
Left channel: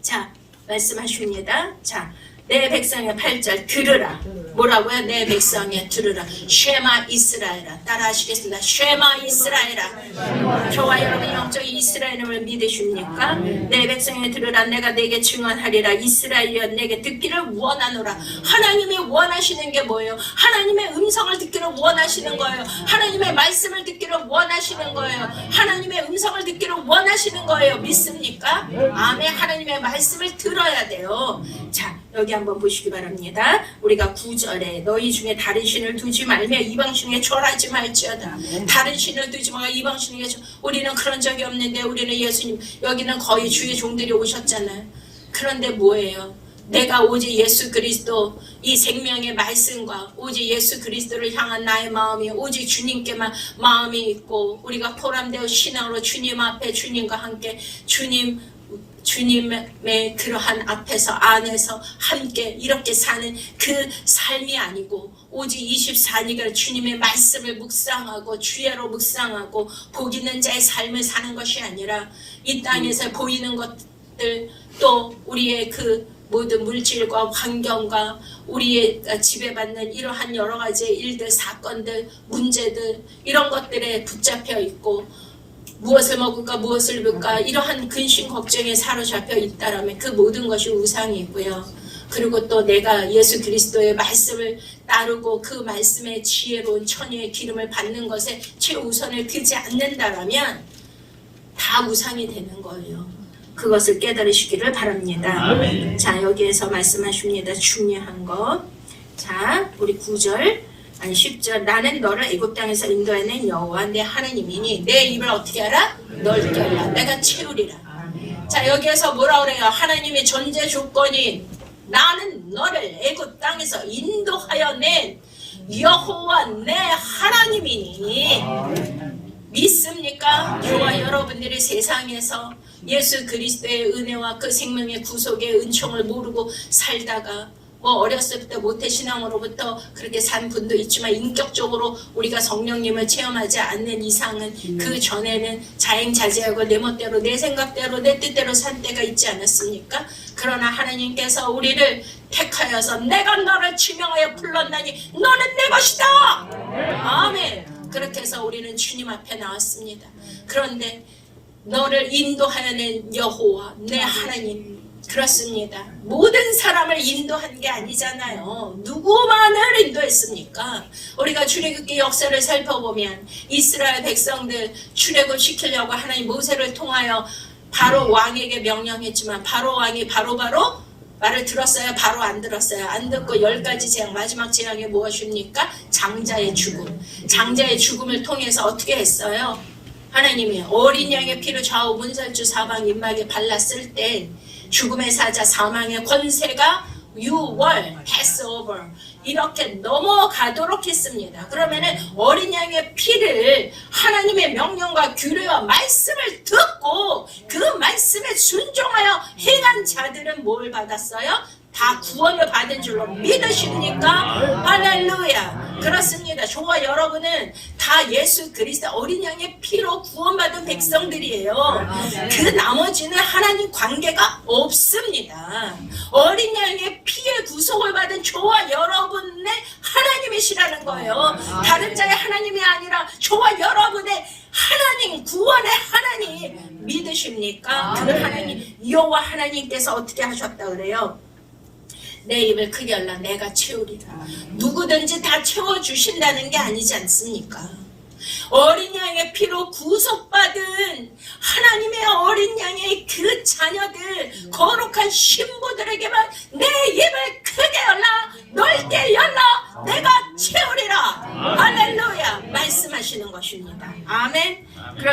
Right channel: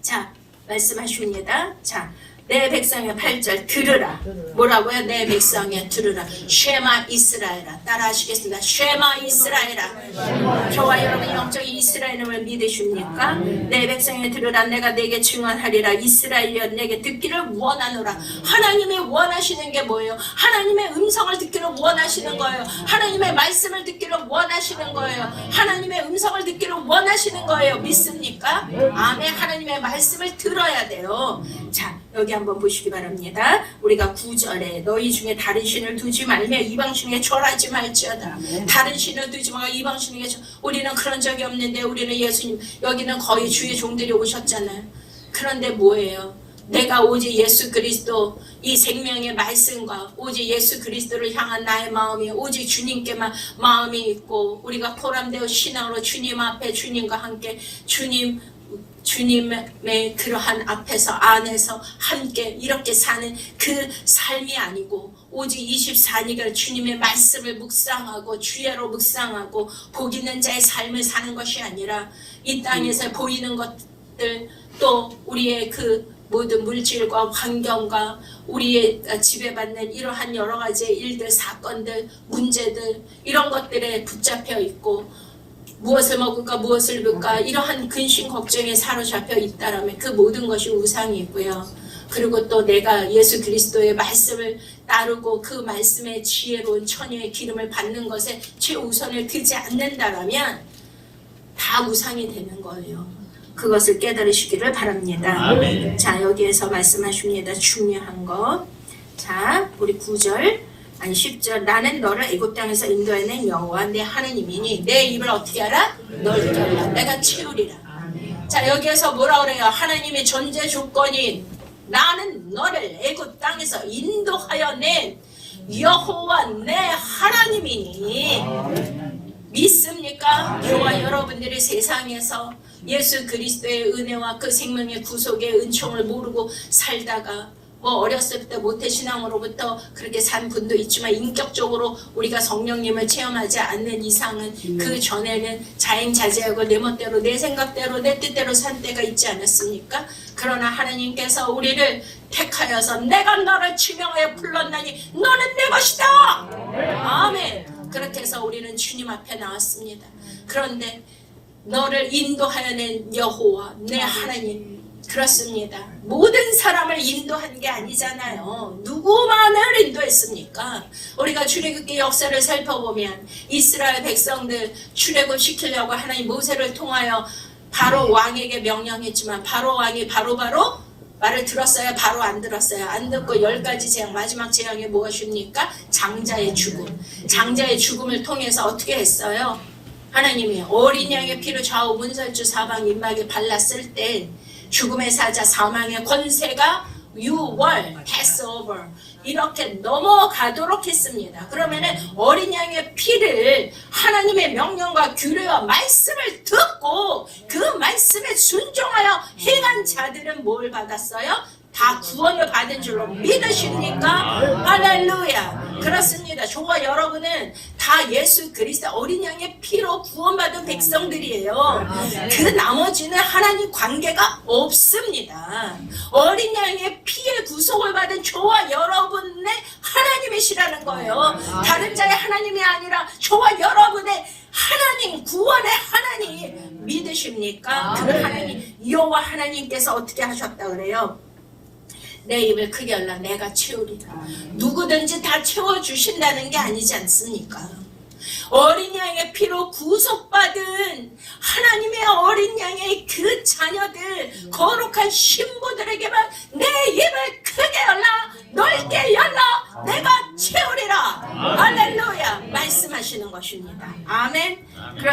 자 말씀하십니다. 자, 내 백성의 8절 들으라. 뭐라고요? 내 백성의 들으라. 쉐마 이스라엘아. 따라하시겠습니다. 쉐마 이스라엘아. 저와 여러분이 영적인 이스라엘을 믿으십니까? 내 백성의 들으라. 내가 내게 증언하리라. 이스라엘이여 내게 듣기를 원하노라. 하나님이 원하시는 게 뭐예요? 하나님의 음성을 듣기를 원하시는 거예요. 하나님의 말씀을 듣기를 원하시는 거예요. 하나님의 음성을 듣기를 원하시는 거예요. 믿습니까? 아멘. 하나님의 말씀을 들어야 돼요. 자, 여기 한번 보시기 바랍니다. 우리가 9절에 너희 중에 다른 신을 두지 말며 이방 신에게 절하지 말지어다. 다른 신을 두지 말고 이방 신에게 우리는 그런 적이 없는데 우리는 예수님 여기는 거의 주의 종들이 오셨잖아요. 그런데 뭐예요? 내가 오직 예수 그리스도 이 생명의 말씀과 오직 예수 그리스도를 향한 나의 마음이 오직 주님께만 마음이 있고 우리가 포함되어 신앙으로 주님 앞에 주님과 함께 주님의 그러한 앞에서 안에서 함께 이렇게 사는 그 삶이 아니고 오직 24시간 주님의 말씀을 묵상하고 주야로 묵상하고 복 있는 자의 삶을 사는 것이 아니라 이 땅에서 보이는 것들 또 우리의 그 모든 물질과 환경과 우리의 지배받는 이러한 여러 가지 일들 사건들 문제들 이런 것들에 붙잡혀 있고 무엇을 먹을까 무엇을 입을까 이러한 근심 걱정에 사로잡혀 있다라면 그 모든 것이 우상이고요. 그리고 또 내가 예수 그리스도의 말씀을 따르고 그 말씀의 지혜로운 천유의 기름을 받는 것에 최우선을 두지 않는다라면 다 우상이 되는 거예요. 그것을 깨달으시기를 바랍니다. 자, 여기에서 말씀하십니다. 중요한 것. 자, 우리 9절 아니 10절 나는 너를 애굽 땅에서 인도해낸 여호와 내 하나님이니 내 입을 어떻게 하라? 넓게 하라. 내가 채우리라. 자, 여기에서 뭐라 그래요? 하나님의 존재 조건인 나는 너를 애굽 땅에서 인도하여 낸 여호와 내 하나님이니 믿습니까? 저와 여러분들이 세상에서 예수 그리스도의 은혜와 그 생명의 구속의 은총을 모르고 살다가 뭐 어렸을 때 모태신앙으로부터 그렇게 산 분도 있지만 인격적으로 우리가 성령님을 체험하지 않는 이상은 그 전에는 자행자제하고 내 멋대로 내 생각대로 내 뜻대로 산 때가 있지 않았습니까? 그러나 하나님께서 우리를 택하여서 내가 너를 지명하여 불렀나니 너는 내 것이다. 아멘. 그렇게 해서 우리는 주님 앞에 나왔습니다. 그런데 너를 인도하여 낸 여호와 내 하나님 그렇습니다. 모든 사람을 인도한 게 아니잖아요. 누구만을 인도했습니까? 우리가 출애굽기 역사를 살펴보면 이스라엘 백성들 출애굽 시키려고 하나님 모세를 통하여 바로 왕에게 명령했지만 바로 왕이 바로 말을 들었어요? 바로 안 들었어요? 안 듣고 10가지 재앙 마지막 재앙이 무엇입니까? 장자의 죽음. 장자의 죽음을 통해서 어떻게 했어요? 하나님이 어린 양의 피를 좌우 문설주 사방 임막에 발랐을 때 죽음의 사자 사망의 권세가 6월 패스오버 이렇게 넘어가도록 했습니다. 그러면은 어린 양의 피를 하나님의 명령과 규례와 말씀을 듣고 그 말씀에 순종하여 행한 자들은 뭘 받았어요? 다 구원을 받은 줄로 믿으십니까? 할렐루야. 그렇습니다. 저와 여러분은 다 예수 그리스도 어린 양의 피로 구원받은 백성들이에요. 그 나머지는 하나님 관계가 없습니다. 어린 양의 피에 구속을 받은 저와 여러분의 하나님이시라는 거예요. 다른 자의 하나님이 아니라 저와 여러분의 하나님, 구원의 하나님 믿으십니까? 그 하나님, 여호와 하나님께서 어떻게 하셨다 그래요? 내 입을 크게 열라 내가 채우리라. 누구든지 다 채워주신다는 게 아니지 않습니까? 어린 양의 피로 구속받은 하나님의 어린 양의 그 자녀들 거룩한 신부들에게만 내 입을 크게 열라 넓게 열라 내가 채우리라. 할렐루야 말씀하시는 것입니다. 아멘.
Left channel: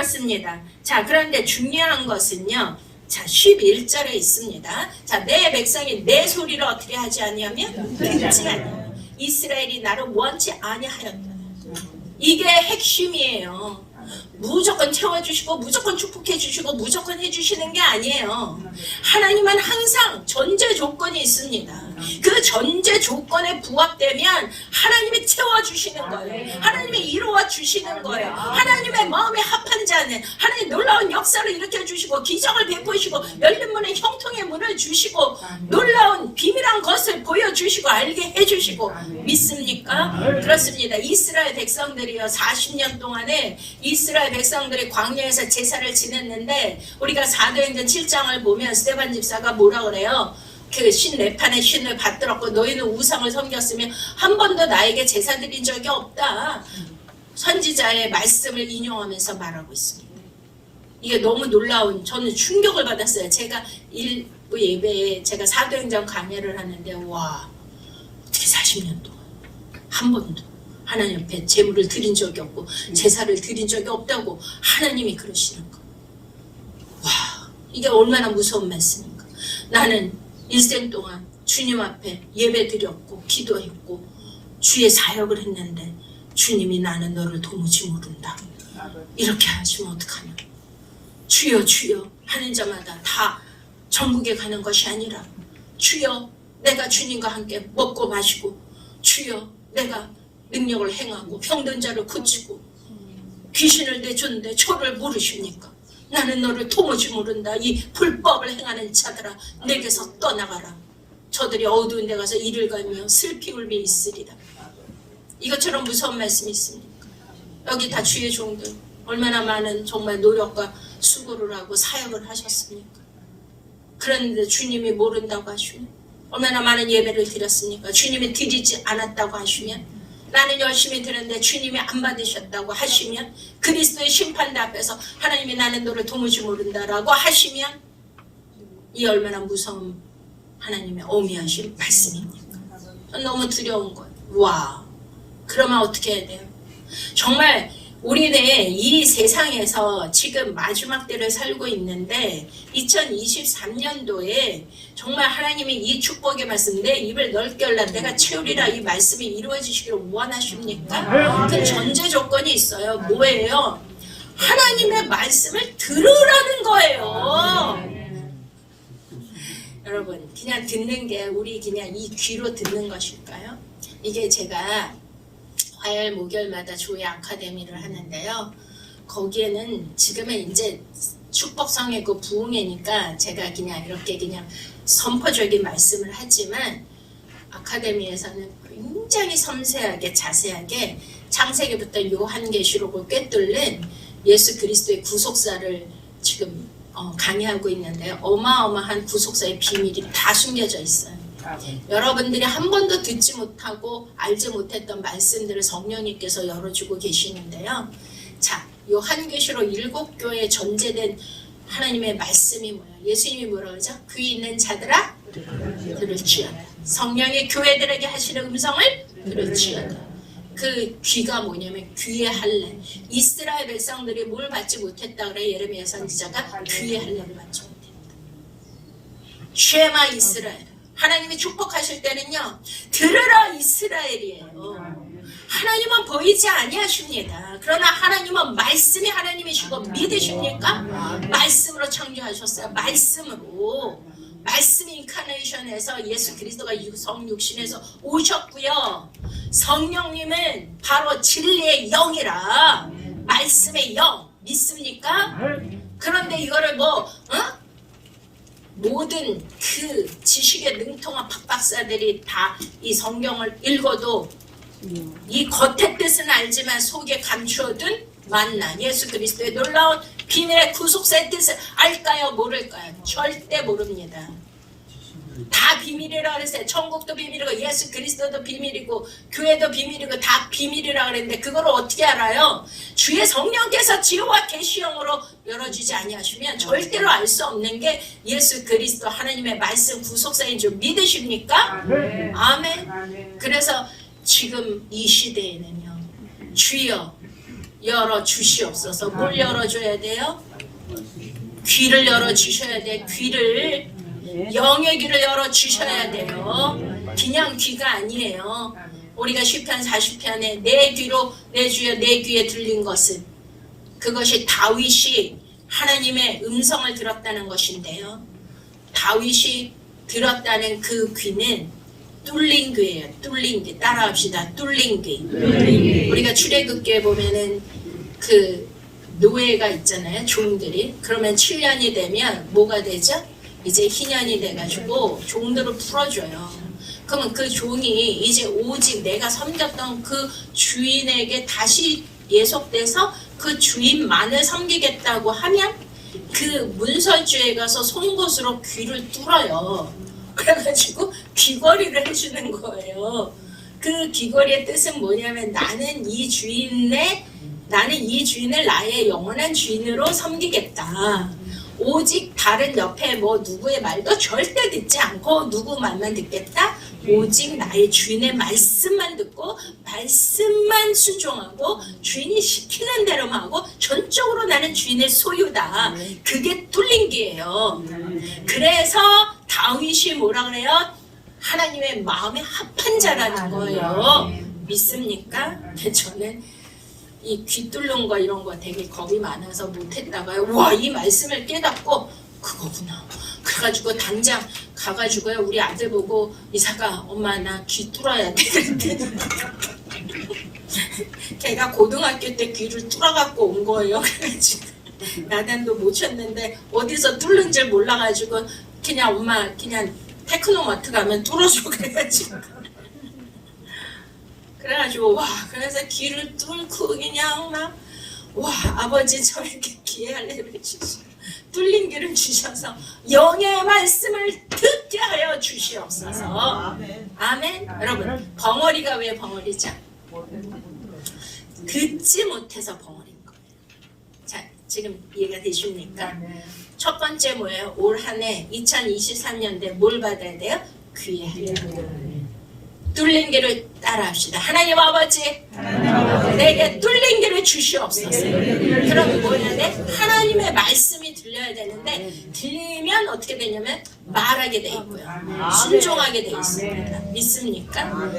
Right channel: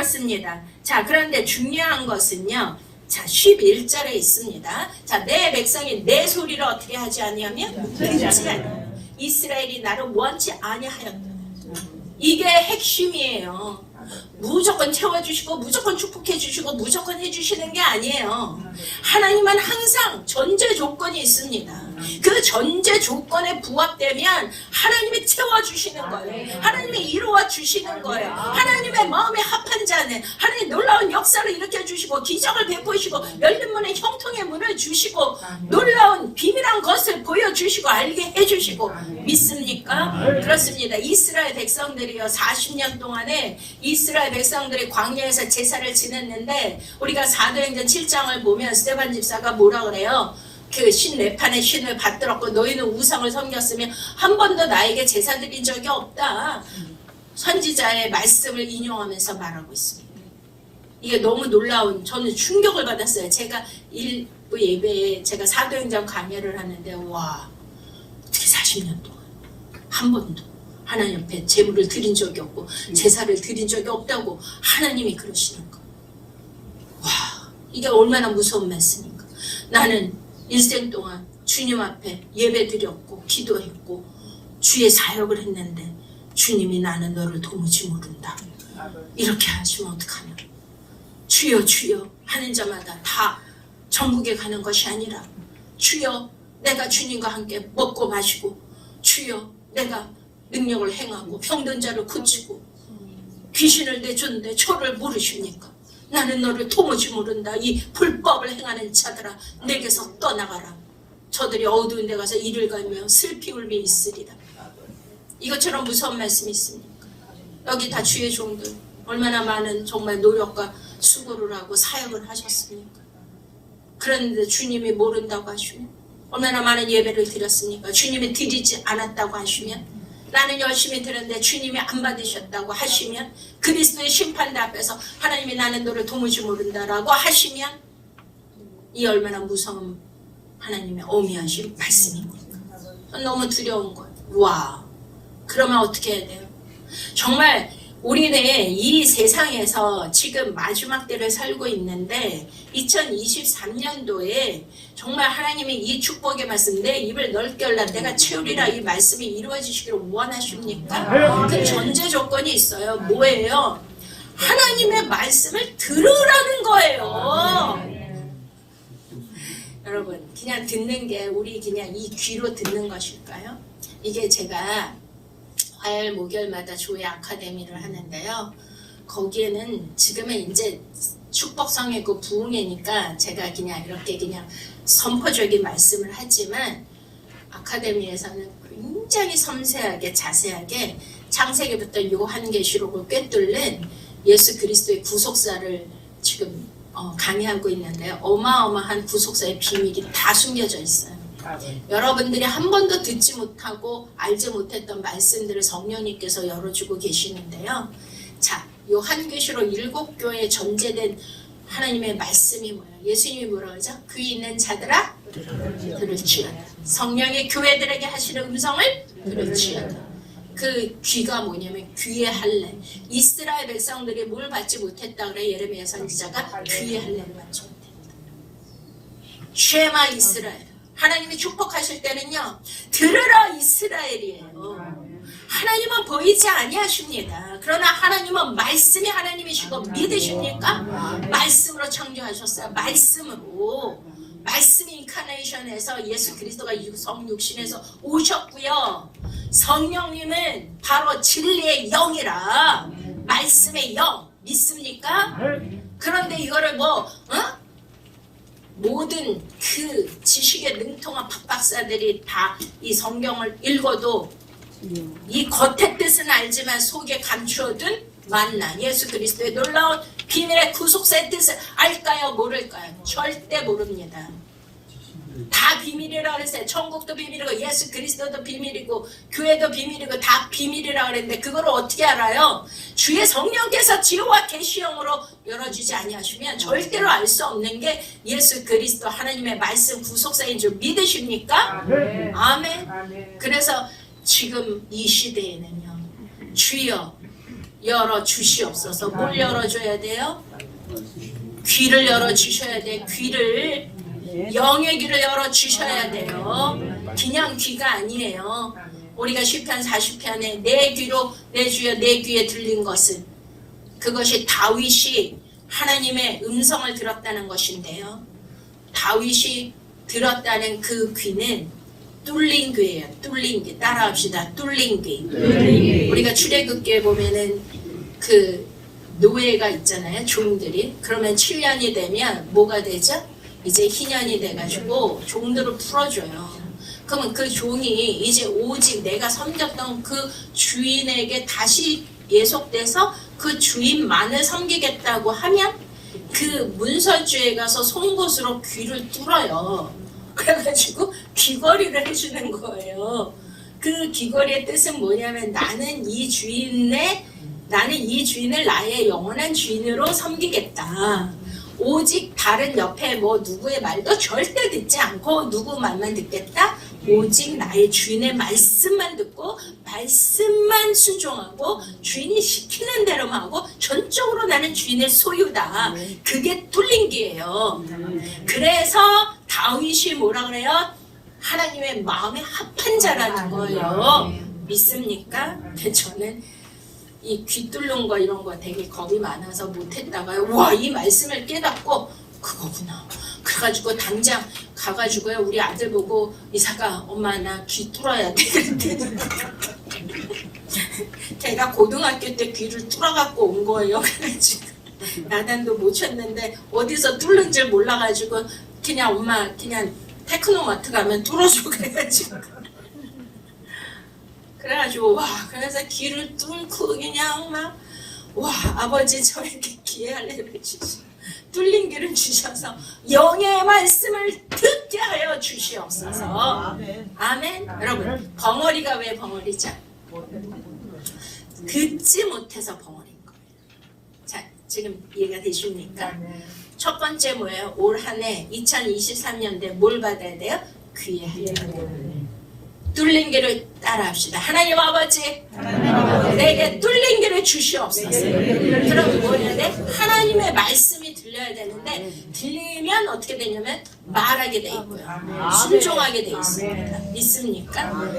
그렇습니다. 자, 그런데 중요한 것은요. 자, 11절에 있습니다. 자, 내 백성이 내 소리를 어떻게 하지 아니하면 듣지 아니하며 이스라엘이 나를 원치 아니하였다. 이게 핵심이에요. 무조건 채워주시고 무조건 축복해주시고 무조건 해주시는 게 아니에요. 하나님은 항상 전제 조건이 있습니다. 그 전제 조건에 부합되면 하나님이 채워주시는 거예요. 하나님이 이루어 주시는 거예요. 하나님의 마음에 합한 자는 하나님 놀라운 역사를 일으켜주시고 기적을 베푸시고 열린 문에 형통의 문을 주시고 놀라운 비밀한 것을 보여주시고 알게 해주시고 믿습니까? 그렇습니다. 이스라엘 백성들이요 40년 동안에 이스라엘 백성들이 광야에서 제사를 지냈는데 우리가 사도행전 7장을 보면 스데반 집사가 뭐라 그래요? 그 신 레판의 신을 받들었고 너희는 우상을 섬겼으며 한 번도 나에게 제사 드린 적이 없다. 선지자의 말씀을 인용하면서 말하고 있습니다. 이게 너무 놀라운, 저는 충격을 받았어요. 제가 일부 예배에 제가 사도행전 강해를 하는데 와, 어떻게 40년 동안 한 번도 하나님 앞에 제물을 드린 적이 없고 제사를 드린 적이 없다고 하나님이 그러시는 거. 와, 이게 얼마나 무서운 말씀인가. 나는 일생 동안 주님 앞에 예배 드렸고 기도했고 주의 사역을 했는데 주님이 나는 너를 도무지 모른다. 이렇게 하시면 어떡하냐. 주여 주여 하는 자마다 다 천국에 가는 것이 아니라 주여 내가 주님과 함께 먹고 마시고 주여 내가 능력을 행하고 병든 자를 고치고 귀신을 내줬는데 저를 모르십니까? 나는 너를 도무지 모른다. 이 불법을 행하는 자들아 내게서 떠나가라. 저들이 어두운 데 가서 이를 갈며 슬피 울며 있으리라. 이것처럼 무서운 말씀이 있습니까? 여기 다 주의 종들 얼마나 많은 정말 노력과 수고를 하고 사역을 하셨습니까? 그런데 주님이 모른다고 하시면 얼마나 많은 예배를 드렸습니까? 주님이 드리지 않았다고 하시면 나는 열심히 드렸는데 주님이 안 받으셨다고 하시면 그리스도의 심판대 앞에서 하나님이 나는 너를 도무지 모른다라고 하시면 이 얼마나 무서운 하나님의 어미하신 말씀입니까? 너무 두려운 거예요. 와, 그러면 어떻게 해야 돼요? 정말 우리는 이 세상에서 지금 마지막 때를 살고 있는데 2023년도에 정말 하나님이 이 축복의 말씀 내 입을 넓게 열라 내가 채우리라 이 말씀이 이루어지시기를 원하십니까? 그 전제 조건이 있어요. 뭐예요? 하나님의 말씀을 들으라는 거예요. 여러분 그냥 듣는 게 우리 그냥 이 귀로 듣는 것일까요? 이게 제가 화요일 목요일마다 조회 아카데미를 하는데요. 거기에는 지금은 이제 축복성의 그 부흥회니까 제가 그냥 이렇게 그냥 선포적인 말씀을 하지만 아카데미에서는 굉장히 섬세하게 자세하게 창세기부터 요한계시록을 꿰뚫는 예수 그리스도의 구속사를 지금 강의하고 있는데요. 어마어마한 구속사의 비밀이 다 숨겨져 있어요. 여러분들이 한 번도 듣지 못하고 알지 못했던 말씀들을 성령님께서 열어주고 계시는데요. 자, 요한계시록 7교회에 전제된 하나님의 말씀이 뭐예요? 예수님이 뭐라고 그러죠? 귀 있는 자들아 들을지어다. 성령의 교회들에게 하시는 음성을 들을지어다. 그 귀가 뭐냐면 귀의 할례. 이스라엘 백성들이 뭘 받지 못했다 그래 예레미야 선지자가 귀의 할례를 받지 못했다. 쉐마 이스라엘. 하나님이 축복하실 때는요 들으라 이스라엘이에요. 하나님은 보이지 아니하십니다. 그러나 하나님은 말씀이 하나님이시고 믿으십니까? 말씀으로 창조하셨어요. 말씀으로. 말씀이 인카네이션에서 예수 그리스도가 성육신에서 오셨고요. 성령님은 바로 진리의 영이라 말씀의 영 믿습니까? 그런데 이거를 모든 그 지식에 능통한 박박사들이 다 이 성경을 읽어도 이 겉의 뜻은 알지만 속에 감추어둔 만난 예수 그리스도의 놀라운 비밀의 구속사의 뜻을 알까요? 모를까요? 절대 모릅니다. 다 비밀이라 그랬어요. 천국도 비밀이고 예수 그리스도도 비밀이고 교회도 비밀이고 다 비밀이라 그랬는데 그걸 어떻게 알아요? 주의 성령께서 지혜와 계시형으로 열어주지 아니하시면 절대로 알 수 없는 게 예수 그리스도 하나님의 말씀 구속사인 줄 믿으십니까? 아멘. 그래서 지금 이 시대에는요 주여 열어주시옵소서. 뭘 열어줘야 돼요? 귀를 열어주셔야 돼. 귀를, 영의 귀를 열어주셔야 돼요. 그냥 귀가 아니에요. 우리가 시편 40편에 내 귀로 내 주여 내 귀에 들린 것은, 그것이 다윗이 하나님의 음성을 들었다는 것인데요. 다윗이 들었다는 그 귀는 뚫린 귀예요. 뚫린 귀. 따라합시다. 뚫린 귀. 우리가 출애굽기에 보면은 그 노예가 있잖아요. 종들이. 그러면 7년이 되면 뭐가 되죠? 이제 희년이 돼가지고 종들을 풀어줘요. 그러면 그 종이 이제 오직 내가 섬겼던 그 주인에게 다시 예속돼서 그 주인만을 섬기겠다고 하면 그 문설주에 가서 송곳으로 귀를 뚫어요. 그래가지고 귀걸이를 해주는 거예요. 그 귀걸이의 뜻은 뭐냐면 나는 이 주인을 나의 영원한 주인으로 섬기겠다. 오직 다른 옆에 뭐 누구의 말도 절대 듣지 않고 누구 말만 듣겠다. 오직 나의 주인의 말씀만 듣고 말씀만 순종하고 주인이 시키는 대로만 하고 전적으로 나는 주인의 소유다. 그게 뚫린 귀예요. 그래서 다윗이 뭐라 그래요? 하나님의 마음에 합한 자라는 거예요. 믿습니까? 저는 이 귀 뚫는 거 이런 거 되게 겁이 많아서 못했다가요. 와, 이 말씀을 깨닫고 그거구나. 그래가지고 당장 가가지고요. 우리 아들 보고 이사가 엄마 나 귀 뚫어야 돼. 걔가 고등학교 때 귀를 뚫어갖고 온 거예요. 그래가지고 나단도 못 쳤는데 어디서 뚫는 줄 몰라가지고 그냥 엄마 그냥 테크노마트 가면 뚫어줘 그래가지고 와 그래서 귀를 뚫고 그냥 막 와 아버지 저에게 기회를 주시고 뚫린 귀를 주셔서 영의 말씀을 듣게 하여 주시옵소서. 아멘. 여러분 벙어리가 왜 벙어리죠? 듣지 못해서 벙어리인 거예요. 자 지금 이해가 되십니까? 첫 번째 뭐예요? 올 한 해 2023년대 뭘 받아야 돼요? 귀에 뚫린 길을 따라합시다. 하나님 아버지 내게 뚫린 길을 주시옵소서. 그럼 뭐 해야 돼? 하나님의 말씀이 들려야 되는데 들리면 어떻게 되냐면 말하게 돼 있고요. 순종하게 돼 있습니다. 믿습니까?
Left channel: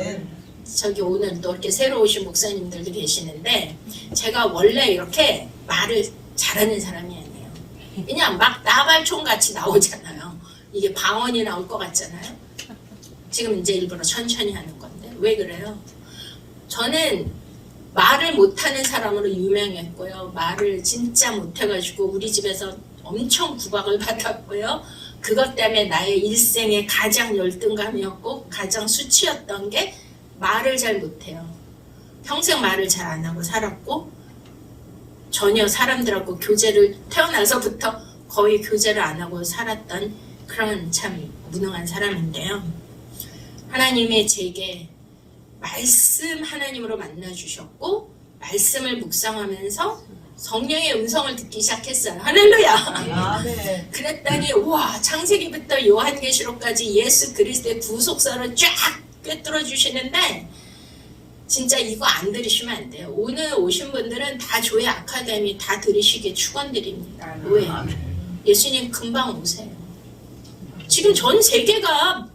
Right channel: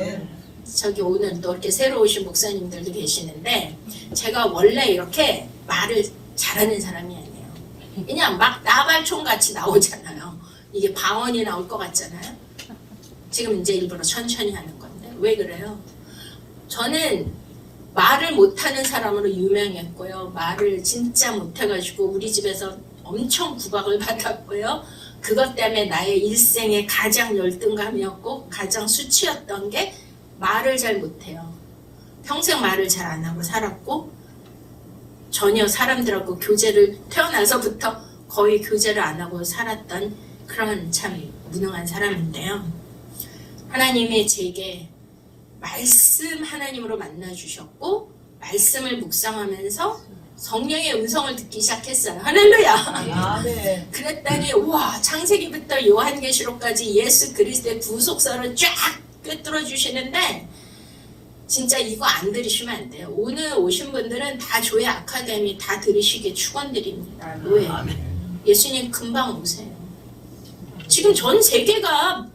저기 오늘 또 이렇게 새로 오신 목사님들도 계시는데 제가 원래 이렇게 말을 잘하는 사람이 아니에요. 그냥 막 나발총 같이 나오잖아요. 이게 방언이 나올 것 같잖아요. 지금 이제 일부러 천천히 하는 건데 왜 그래요? 저는 말을 못하는 사람으로 유명했고요. 말을 진짜 못해가지고 우리 집에서 엄청 구박을 받았고요. 그것 때문에 나의 일생의 가장 열등감이었고 가장 수치였던 게 말을 잘 못해요. 평생 말을 잘 안 하고 살았고 전혀 사람들하고 교제를 태어나서부터 거의 교제를 안 하고 살았던 그런 참 무능한 사람인데요. 하나님이 제게 말씀 하나님으로 만나주셨고 말씀을 묵상하면서 성령의 음성을 듣기 시작했어요. 할렐루야. 그랬더니 와 창세기부터 요한계시록까지 예수 그리스도의 구속사를 쫙 꿰뚫어 주시는데 진짜 이거 안 들으시면 안 돼요. 오늘 오신 분들은 다 조회 아카데미 다 들으시길 축원드립니다. 왜? 예수님 금방 오세요. 지금 전 세계가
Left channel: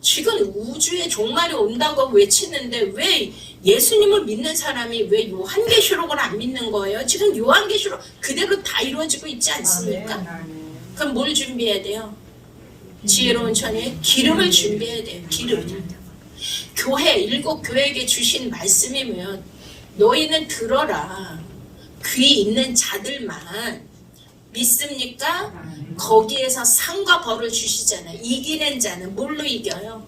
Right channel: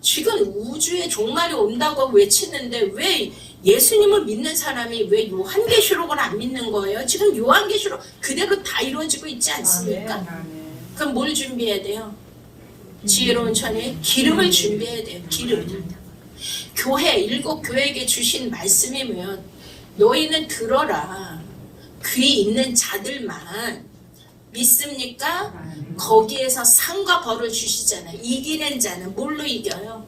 지금 우주에 종말이 온다고 외치는데 왜 예수님을 믿는 사람이 왜 요한계시록을 안 믿는 거예요? 지금 요한계시록 그대로 다 이루어지고 있지 않습니까? 그럼 뭘 준비해야 돼요? 지혜로운 처녀의 기름을 준비해야 돼요. 기름. 교회, 일곱 교회에게 주신 말씀이면 너희는 들어라. 귀 있는 자들만 믿습니까? 거기에서 상과 벌을 주시잖아요. 이기는 자는 뭘로 이겨요?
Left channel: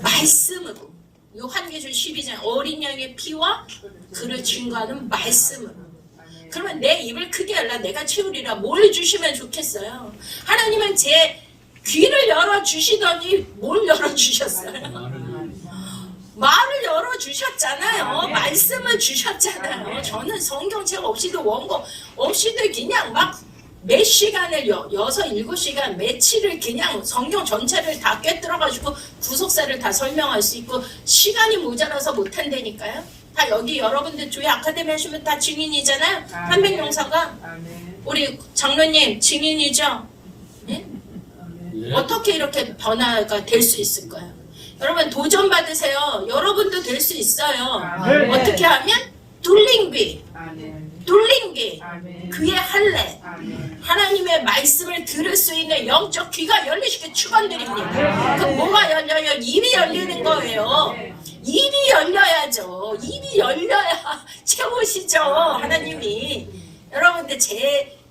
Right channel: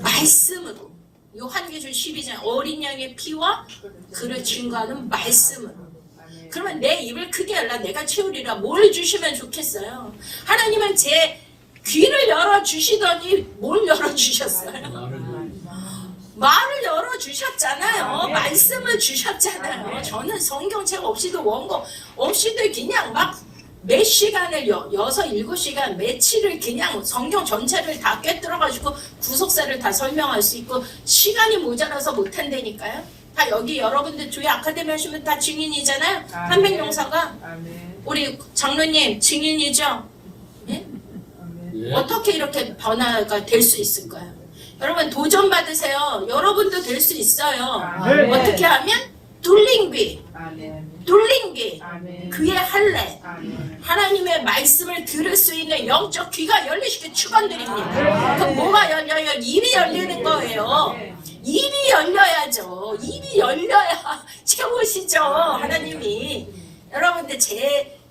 말씀으로. 요한계시록 12장 어린 양의 피와 그를 증거하는 말씀으로. 그러면 내 입을 크게 열라 내가 채우리라. 뭘 주시면 좋겠어요? 하나님은 제 귀를 열어주시더니 뭘 열어주셨어요? 말을 열어주셨잖아요. 말씀을 주셨잖아요. 저는 성경책 없이도 원고 없이도 그냥 막 몇 시간을 6, 7시간 며칠을 그냥 성경 전체를 다 꿰뚫어가지고 구속사를 다 설명할 수 있고 시간이 모자라서 못한다니까요. 다 여기 여러분들 조회 아카데미 하시면 다 증인이잖아요. 한백용사가 우리 장로님 증인이죠. 네? 어떻게 이렇게 변화가 될 수 있을까요? 여러분 도전 받으세요. 여러분도 될 수 있어요. 어떻게 하면 돌림귀, 그의 할례, 하나님의 말씀을 들을 수 있는 영적 귀가 열리시게 축원드립니다. 그럼 뭐가 열려요? 입이 열리는 거예요. 입이 열려야죠. 입이 열려야 채우시죠, 하나님이. 여러분들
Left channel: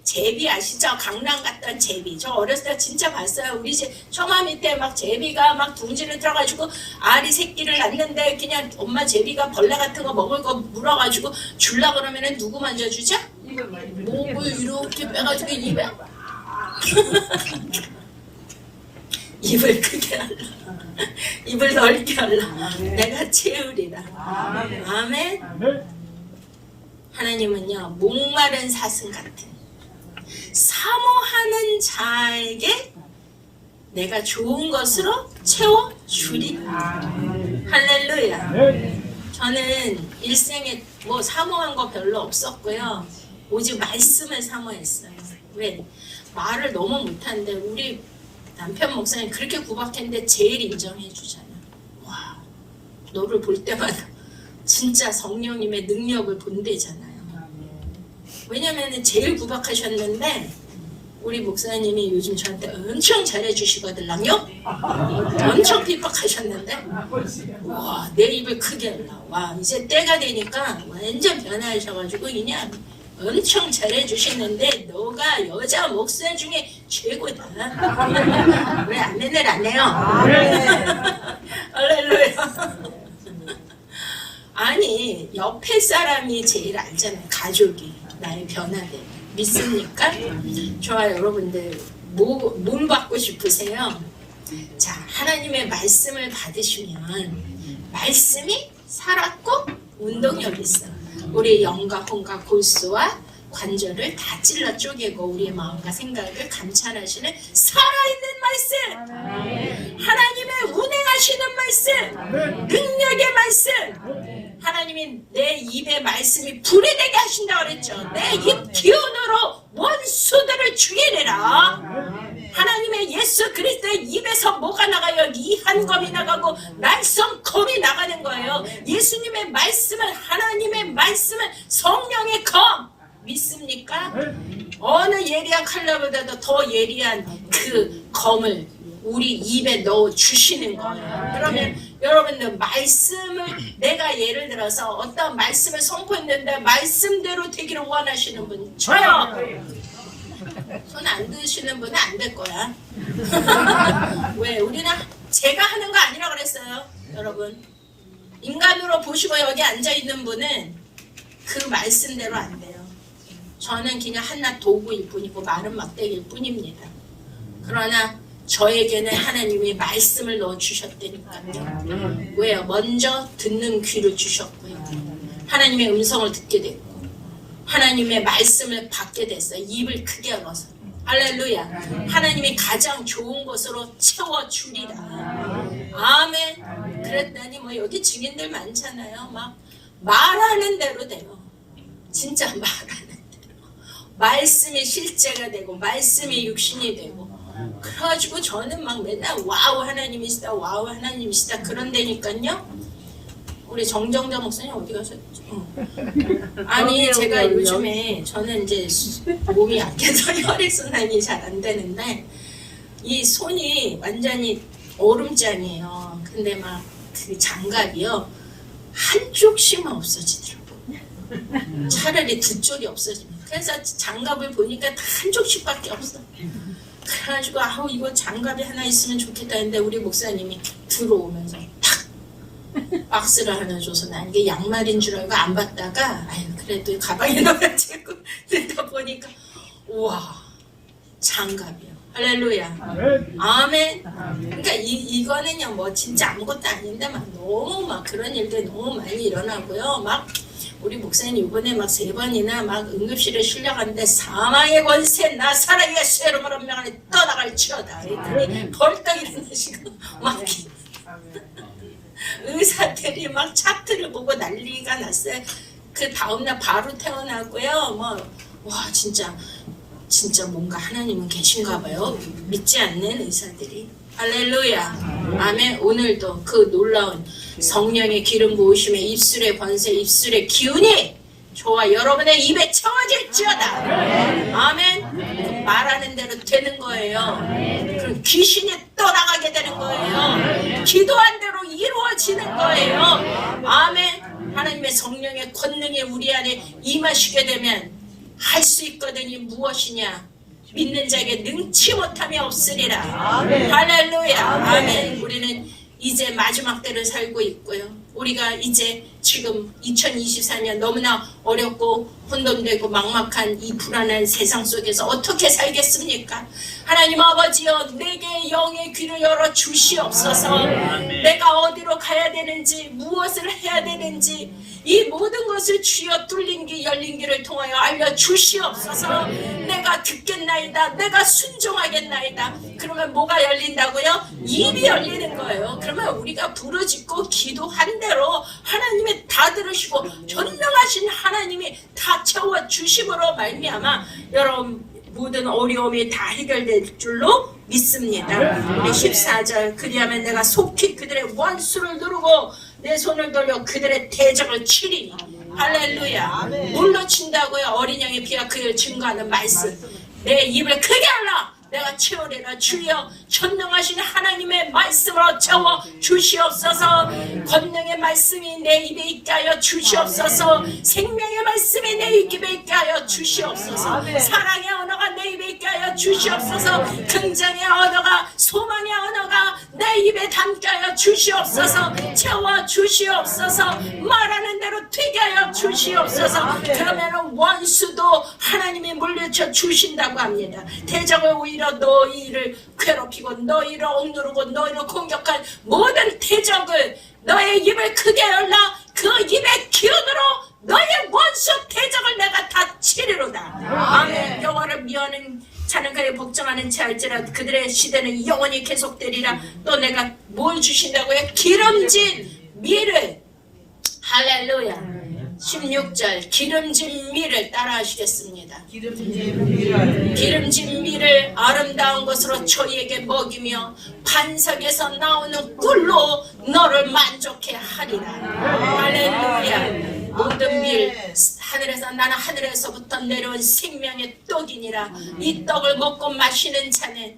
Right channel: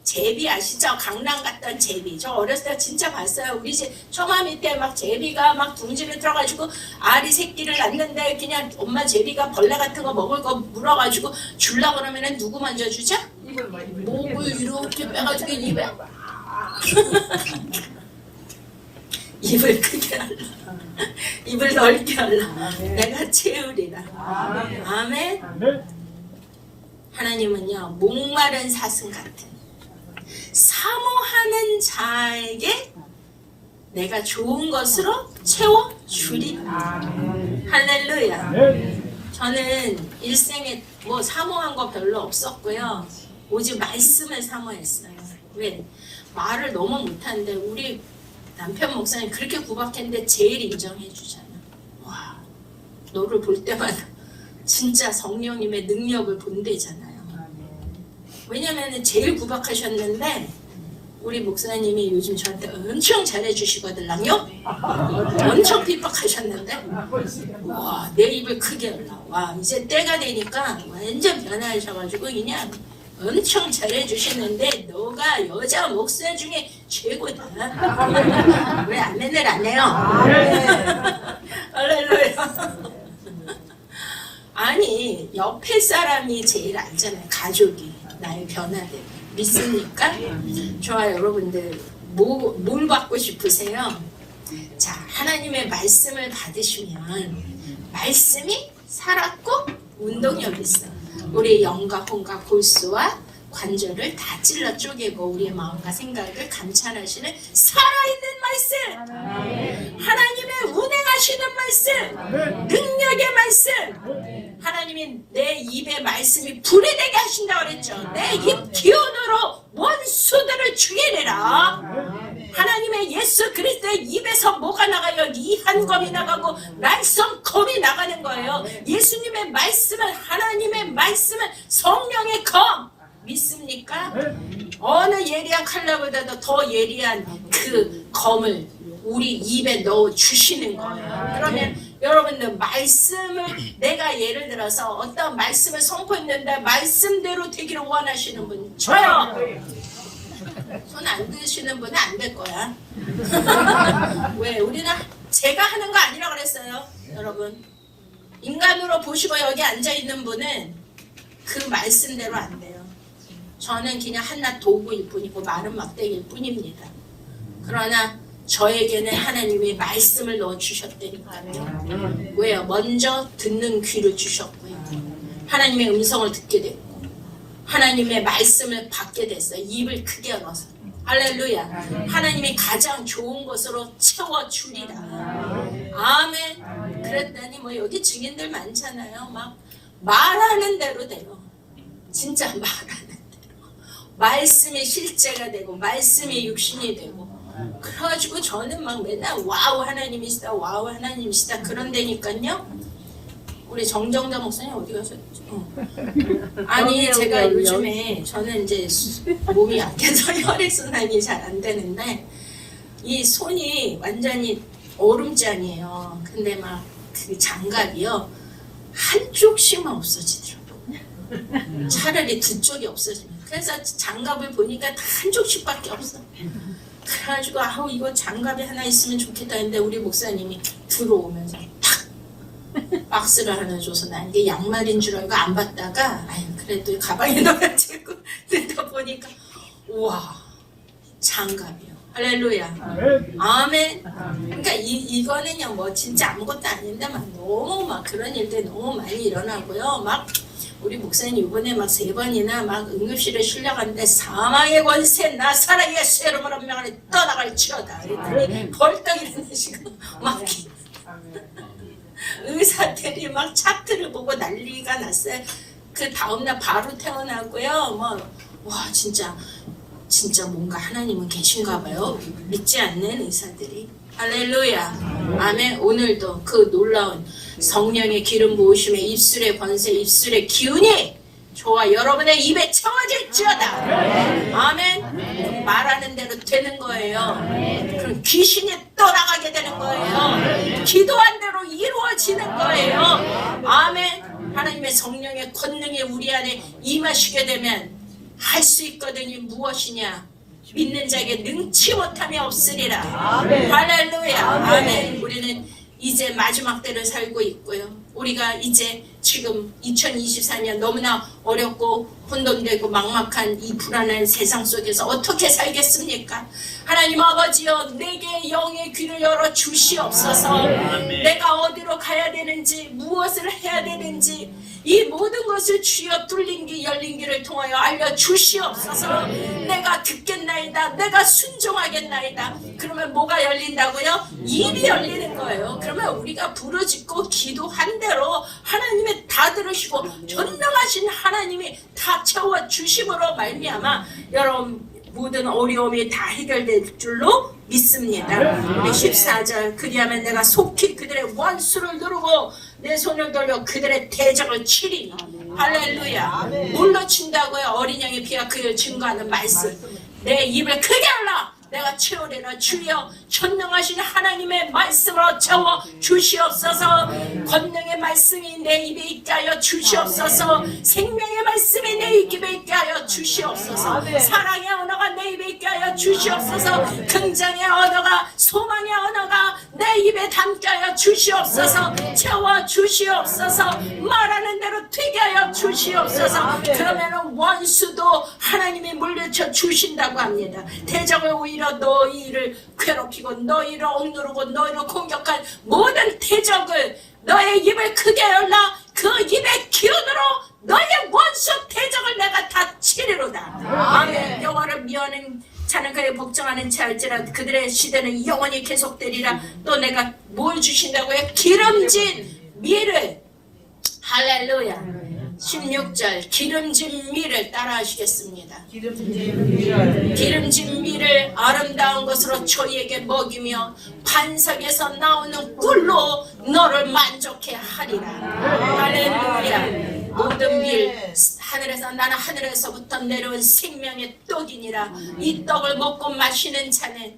제비 아시죠? 강남 갔던 제비. 저 어렸을 때 진짜 봤어요. 우리 집 처마 밑에 막 제비가 막 둥지를 들어가지고 알이 새끼를 낳는데 그냥 엄마 제비가 벌레 같은 거 먹을 거 물어가지고 줄라 그러면은 누구 만져주죠? 목을 이렇게 빼가지고 입에 입을 크게 하라. 입을 넓게 하라. 내가 채우리라. 아멘. 하나님은요 목마른 사슴 같은 사모하는 자에게 내가 좋은 것으로 채워주리라. 할렐루야. 저는 일생에 뭐 사모한 거 별로 없었고요. 오직 말씀을 사모했어요. 왜? 말을 너무 못하는데 우리 남편 목사님 그렇게 구박했는데 제일 인정해 주잖아요. 와, 너를 볼 때마다 진짜 성령님의 능력을 본대잖아요. 왜냐면 제일 구박하셨는데 우리 목사님이 요즘 저한테 엄청 잘해주시거든요. 엄청 핍박하셨는데 와, 내 입을 크게 열라. 와, 이제 때가 되니까 완전 변하셔가지고 그냥 엄청 잘해주시는데 너가 여자 목사 중에 최고다. 왜 아멘을 안 해요? 할렐루야. 아니 옆에 사람이 제일 알잖아요. 가족이 나의 변화를 믿습니까? 좋아요. 여러분들 뭘 받고 싶으세요? 자, 하나님의 말씀을 받으시면 말씀이 살았고 운동력이 있어요. 우리의 영과 혼과 골수와 관절을 다 찔러 쪼개고 우리의 마음과 생각을 감찰하시는 살아있는 말씀, 하나님의 운행하시는 말씀, 능력의 말씀. 하나님이 내 입에 말씀이 불이 되게 하신다고 그랬죠. 내 입 기운으로 원수들을 죽이리라. 하나님의 예수 그리스도의 입에서 뭐가 나가요? 이 한 검이 나가고 말씀 검이 나가는 거예요. 예수님의 말씀은, 하나님의 말씀은 성령의 검. 믿습니까? 어느 예리한 칼날보다도 더 예리한 그 검을 우리 입에 넣어 주시는 거예요. 그러면 여러분들 말씀을, 내가 예를 들어서 어떤 말씀을 선포했는데 말씀대로 되기를 원하시는 분 저요. 손 안 드시는 분은 안 될 거야. 왜? 우리는 제가 하는 거 아니라고 그랬어요. 여러분, 인간으로 보시고 여기 앉아있는 분은 그 말씀대로 안 돼요. 저는 그냥 한낱 도구일 뿐이고 마른 막대기일 뿐입니다. 그러나 저에게는 하나님이 말씀을 넣어주셨다니까요. 왜요? 먼저 듣는 귀를 주셨고요. 하나님의 음성을 듣게 됐고 하나님의 말씀을 받게 됐어요. 입을 크게 열어서. 할렐루야. 하나님이 가장 좋은 것으로 채워주리라. 아멘. 그랬더니 뭐 여기 증인들 많잖아요. 막 말하는 대로 돼요. 진짜 말하는 대로. 말씀이 실제가 되고 말씀이 육신이 되고. 그래가지고 저는 막 맨날 와우 하나님이시다, 와우 하나님이시다 그런다니까요. 우리 정정자 목사님 어디 가셨죠? 아니 제가 요즘에 저는 이제 몸이 약해서 혈액순환이 잘 안 되는데 이 손이 완전히 얼음장이에요. 근데 막 그 장갑이요 한쪽씩만 없어지더라고. 차라리 두 쪽이 없어지면. 그래서 장갑을 보니까 다 한쪽씩밖에 없어. 그래가지고 아우 이거 장갑이 하나 있으면 좋겠다 했는데 우리 목사님이 들어오면서 탁 박스를 하나 줘서 난 이게 양말인 줄 알고 안 받다가 아유 그래도 가방에 넣어가지고 듣다 보니까 우와 장갑이요. 할렐루야. 아멘. 그러니까 이거는요 뭐 진짜 아무것도 아닌데 막 너무 막 그런 일들이 너무 많이 일어나고요. 막 우리 목사님 이번에 막 3번이나 막 응급실에 실려갔는데 사망의 권세 나사렛 예수 이름으로 명하니 떠나갈지어다. 그랬더니 벌떡 일어나시고 막 의사들이 막 차트를 보고 난리가 났어요. 그 다음날 바로 태어나고요. 와 진짜 뭔가 하나님은 계신가 봐요. 믿지 않는 의사들이. 할렐루야. 아멘. 오늘도 그 놀라운 성령의 기름 부으심에 입술의 권세, 입술의 기운이 저와 여러분의 입에 채워질지어다. 아멘. 말하는 대로 되는 거예요. 그럼 귀신이 떠나가게 되는 거예요. 기도한 대로 이루어지는 거예요. 아멘. 하나님의 성령의 권능이 우리 안에 임하시게 되면 할 수 있거든요. 무엇이냐? 믿는 자에게 능치 못함이 없으리라. 할렐루야. 아멘. 우리는 이제 마지막 때를 살고 있고요. 우리가 이제 지금 2024년 너무나 어렵고 혼돈되고 막막한 이 불안한 세상 속에서 어떻게 살겠습니까? 하나님 아버지여, 내게 영의 귀를 열어 주시옵소서. 내가 어디로 가야 되는지, 무엇을 해야 되는지 이 모든 것을 주여 뚫린 길 열린 길을 통하여 알려주시옵소서. 내가 듣겠나이다, 내가 순종하겠나이다. 그러면 뭐가 열린다고요? 입이 열리는 거예요. 그러면 우리가 부르짖고 기도한 대로 하나님이 다 들으시고 전능하신 하나님이 다 채워주심으로 말미암아 여러분 모든 어려움이 다 해결될 줄로 믿습니다. 우리 14절, 그리하면 내가 속히 그들의 원수를 누르고 내 손을 돌려 그들의 대적을 치리니. 할렐루야. 뭘로 친다고요? 어린 양의 피가 그를 증거하는 말씀. 내 입을 크게 열라. 내가 채우리라. 주여 전능하신 하나님의 말씀으로 채워 주시옵소서. 권능의 말씀이 내 입에 있게 하여 주시옵소서. 생명의 말씀이 내 입에 있게 하여 주시옵소서. 사랑의 언어가 내 입에 있게 하여 주시옵소서. 긍정의 언어가, 소망의 언어가 내 입에 담게 하여 주시옵소서. 채워 주시옵소서. 말하는 대로 되게 하여 주시옵소서. 그러면 원수도 하나님이 물리쳐 주신다고 합니다. 대적을 오히려 너희를 괴롭히고 너희를 억누르고 너희를 공격한 모든 대적을 너의 입을 크게 열라. 그 입의 기운으로 너의 원수 대적을 내가 다 치리로다. 아멘. 여호와를 미워하는 자는 그의 복종하는 자 할지라도 그들의 시대는 영원히 계속되리라. 또 내가 뭘 주신다고요? 기름진 밀을. 할렐루야. 16절, 기름진 밀을 따라 하시겠습니다. 기름진 밀을 아름다운 것으로 저희에게 먹이며 반석에서 나오는 꿀로 너를 만족해 하리라. 할렐루야. 모든 밀, 나는 하늘에서부터 내려온 생명의 떡이니라. 이 떡을 먹고 마시는 자는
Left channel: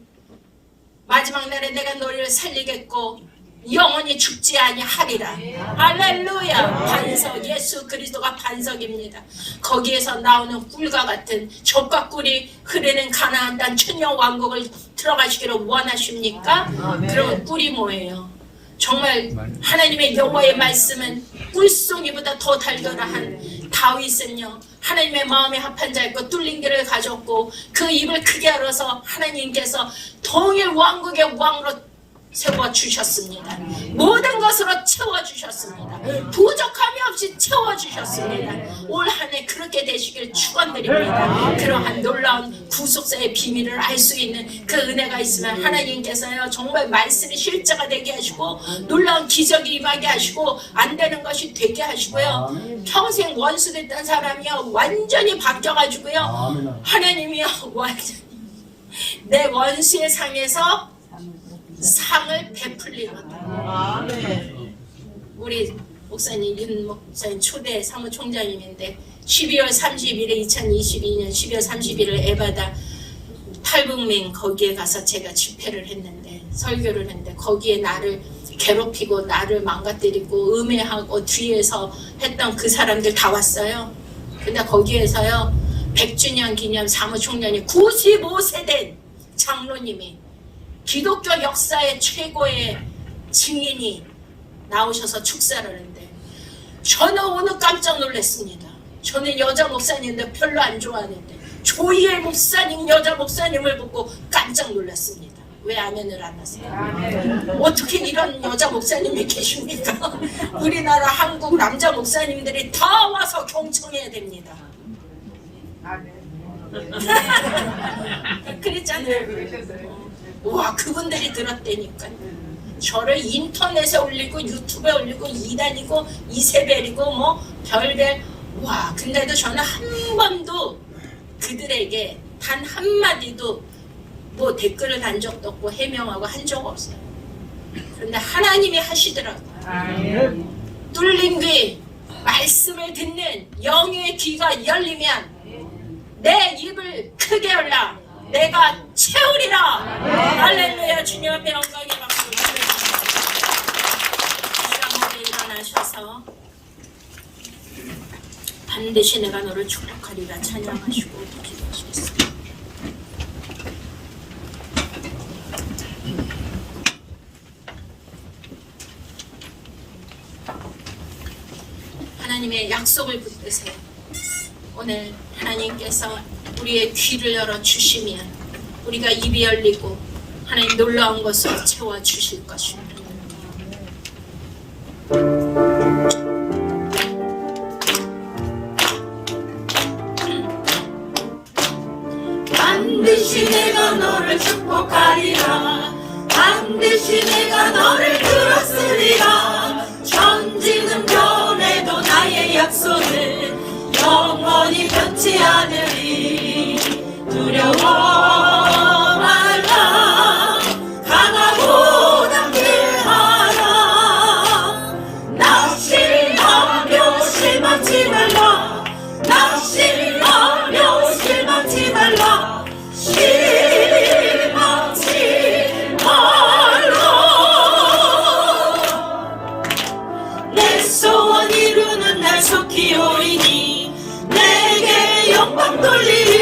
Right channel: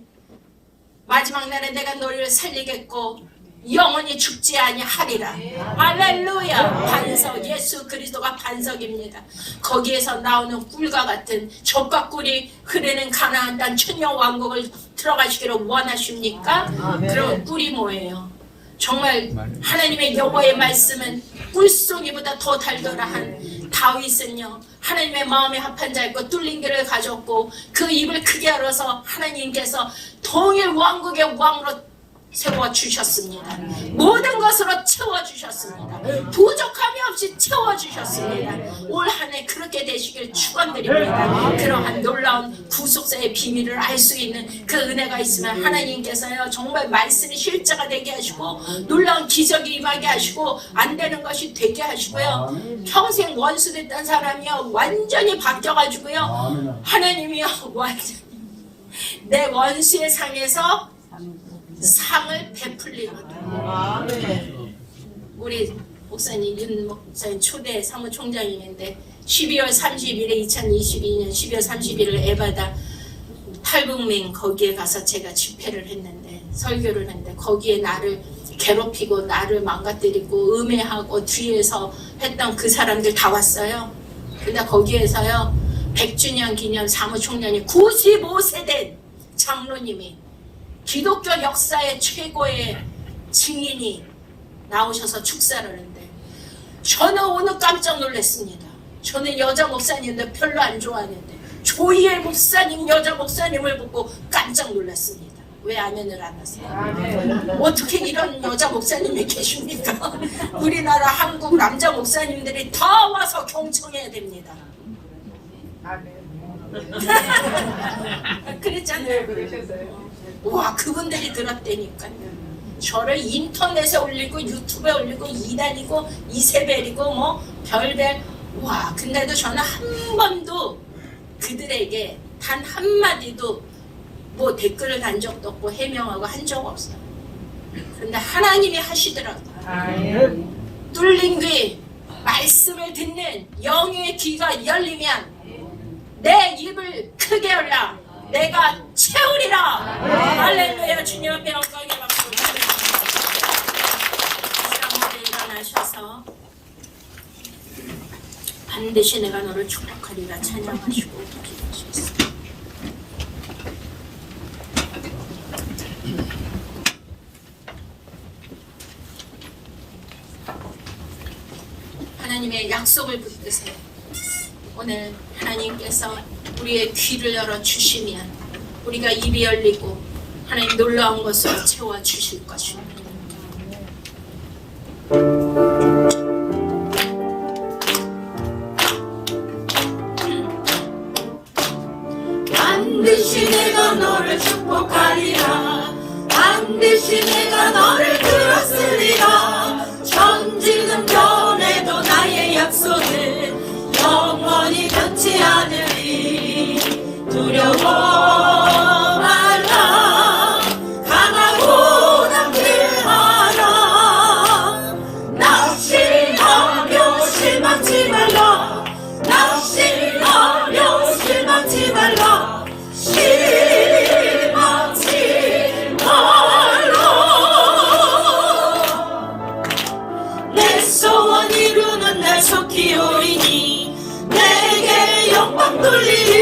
마지막 날에 내가 너희를 살리겠고 영원히 죽지 아니하리라. 할렐루야. 반석, 예수 그리스도가 반석입니다. 거기에서 나오는 꿀과 같은 젖과 꿀이 흐르는 가나안 땅 천년 왕국을 들어가시기를 원하십니까? 그런 꿀이 뭐예요? 정말 하나님의 여호와의 말씀은 꿀송이보다 더 달달한 다윗은요, 하나님의 마음에 합한 자였고 뚫린 길을 가졌고 그 입을 크게 열어서 하나님께서 동일 왕국의 왕으로 세워주셨습니다. 모든 것으로 채워주셨습니다. 부족함이 없이 채워주셨습니다. 올 한 해 그렇게 되시길 축원드립니다. 그러한 놀라운 구속사의 비밀을 알 수 있는 그 은혜가 있으면 하나님께서요 정말 말씀이 실제가 되게 하시고 놀라운 기적이 임하게 하시고 안 되는 것이 되게 하시고요 평생 원수됐던 사람이요 완전히 바뀌어가지고요 하나님이요 완전히 내 원수의 상에서 상을 베풀리거든. 우리 목사님 윤 목사님 초대 사무총장님인데 12월 30일에 2022년 12월 31일 에바다 탈북민 거기에 가서 제가 집회를 했는데 설교를 했는데 거기에 나를 괴롭히고 나를 망가뜨리고 음해하고 뒤에서 했던 그 사람들 다 왔어요. 근데 거기에서요 100주년 기념 사무총장이 95세 된 장로님이 기독교 역사의 최고의 증인이 나오셔서 축사를 하는데 저는 오늘 깜짝 놀랐습니다. 저는 여자 목사님인데 별로 안 좋아하는데 조이엘 목사님 여자 목사님을 보고 깜짝 놀랐습니다. 왜 아멘을 안 하세요? 어떻게 이런 여자 목사님이 계십니까? 우리나라 한국 남자 목사님들이 다 와서 경청해야 됩니다. 그랬잖아요. 와 그분들이 들었다니까요. 저를 인터넷에 올리고 유튜브에 올리고 이단이고 이세벨이고 뭐 별별. 와, 근데도 저는 한 번도 그들에게 단 한마디도 뭐 댓글을 단 적도 없고 해명하고 한 적 없어요. 그런데 하나님이 하시더라고요. 뚫린 귀, 말씀을 듣는 영의 귀가 열리면 내 입을 크게 열라 내가 채우리라. 할렐루야. 주님 앞에 영광의 박수 드립니다. 일어나셔서 반드시 내가 너를 축복하리라 찬양하시고 기도하시겠습니다. 하나님의 약속을 붙드세요. 오늘 하나님께서 우리의 귀를 열어주시면 우리가 입이 열리고 하나님 놀라운 것으로 채워주실 것입니다. 반드시 내가 너를 축복하리라. 반드시 내가 너를 들었으리라. 천지는 변해도 나의 약속은 영원히 변치 않으리. 두려워 말라. 강하고 담대하라. 낙심하며 실망치 말라. 낙심하며 실망치 말라. 실망치 말라. 내 소원 이루는 날 속히 오리니 내게 영광 돌리리.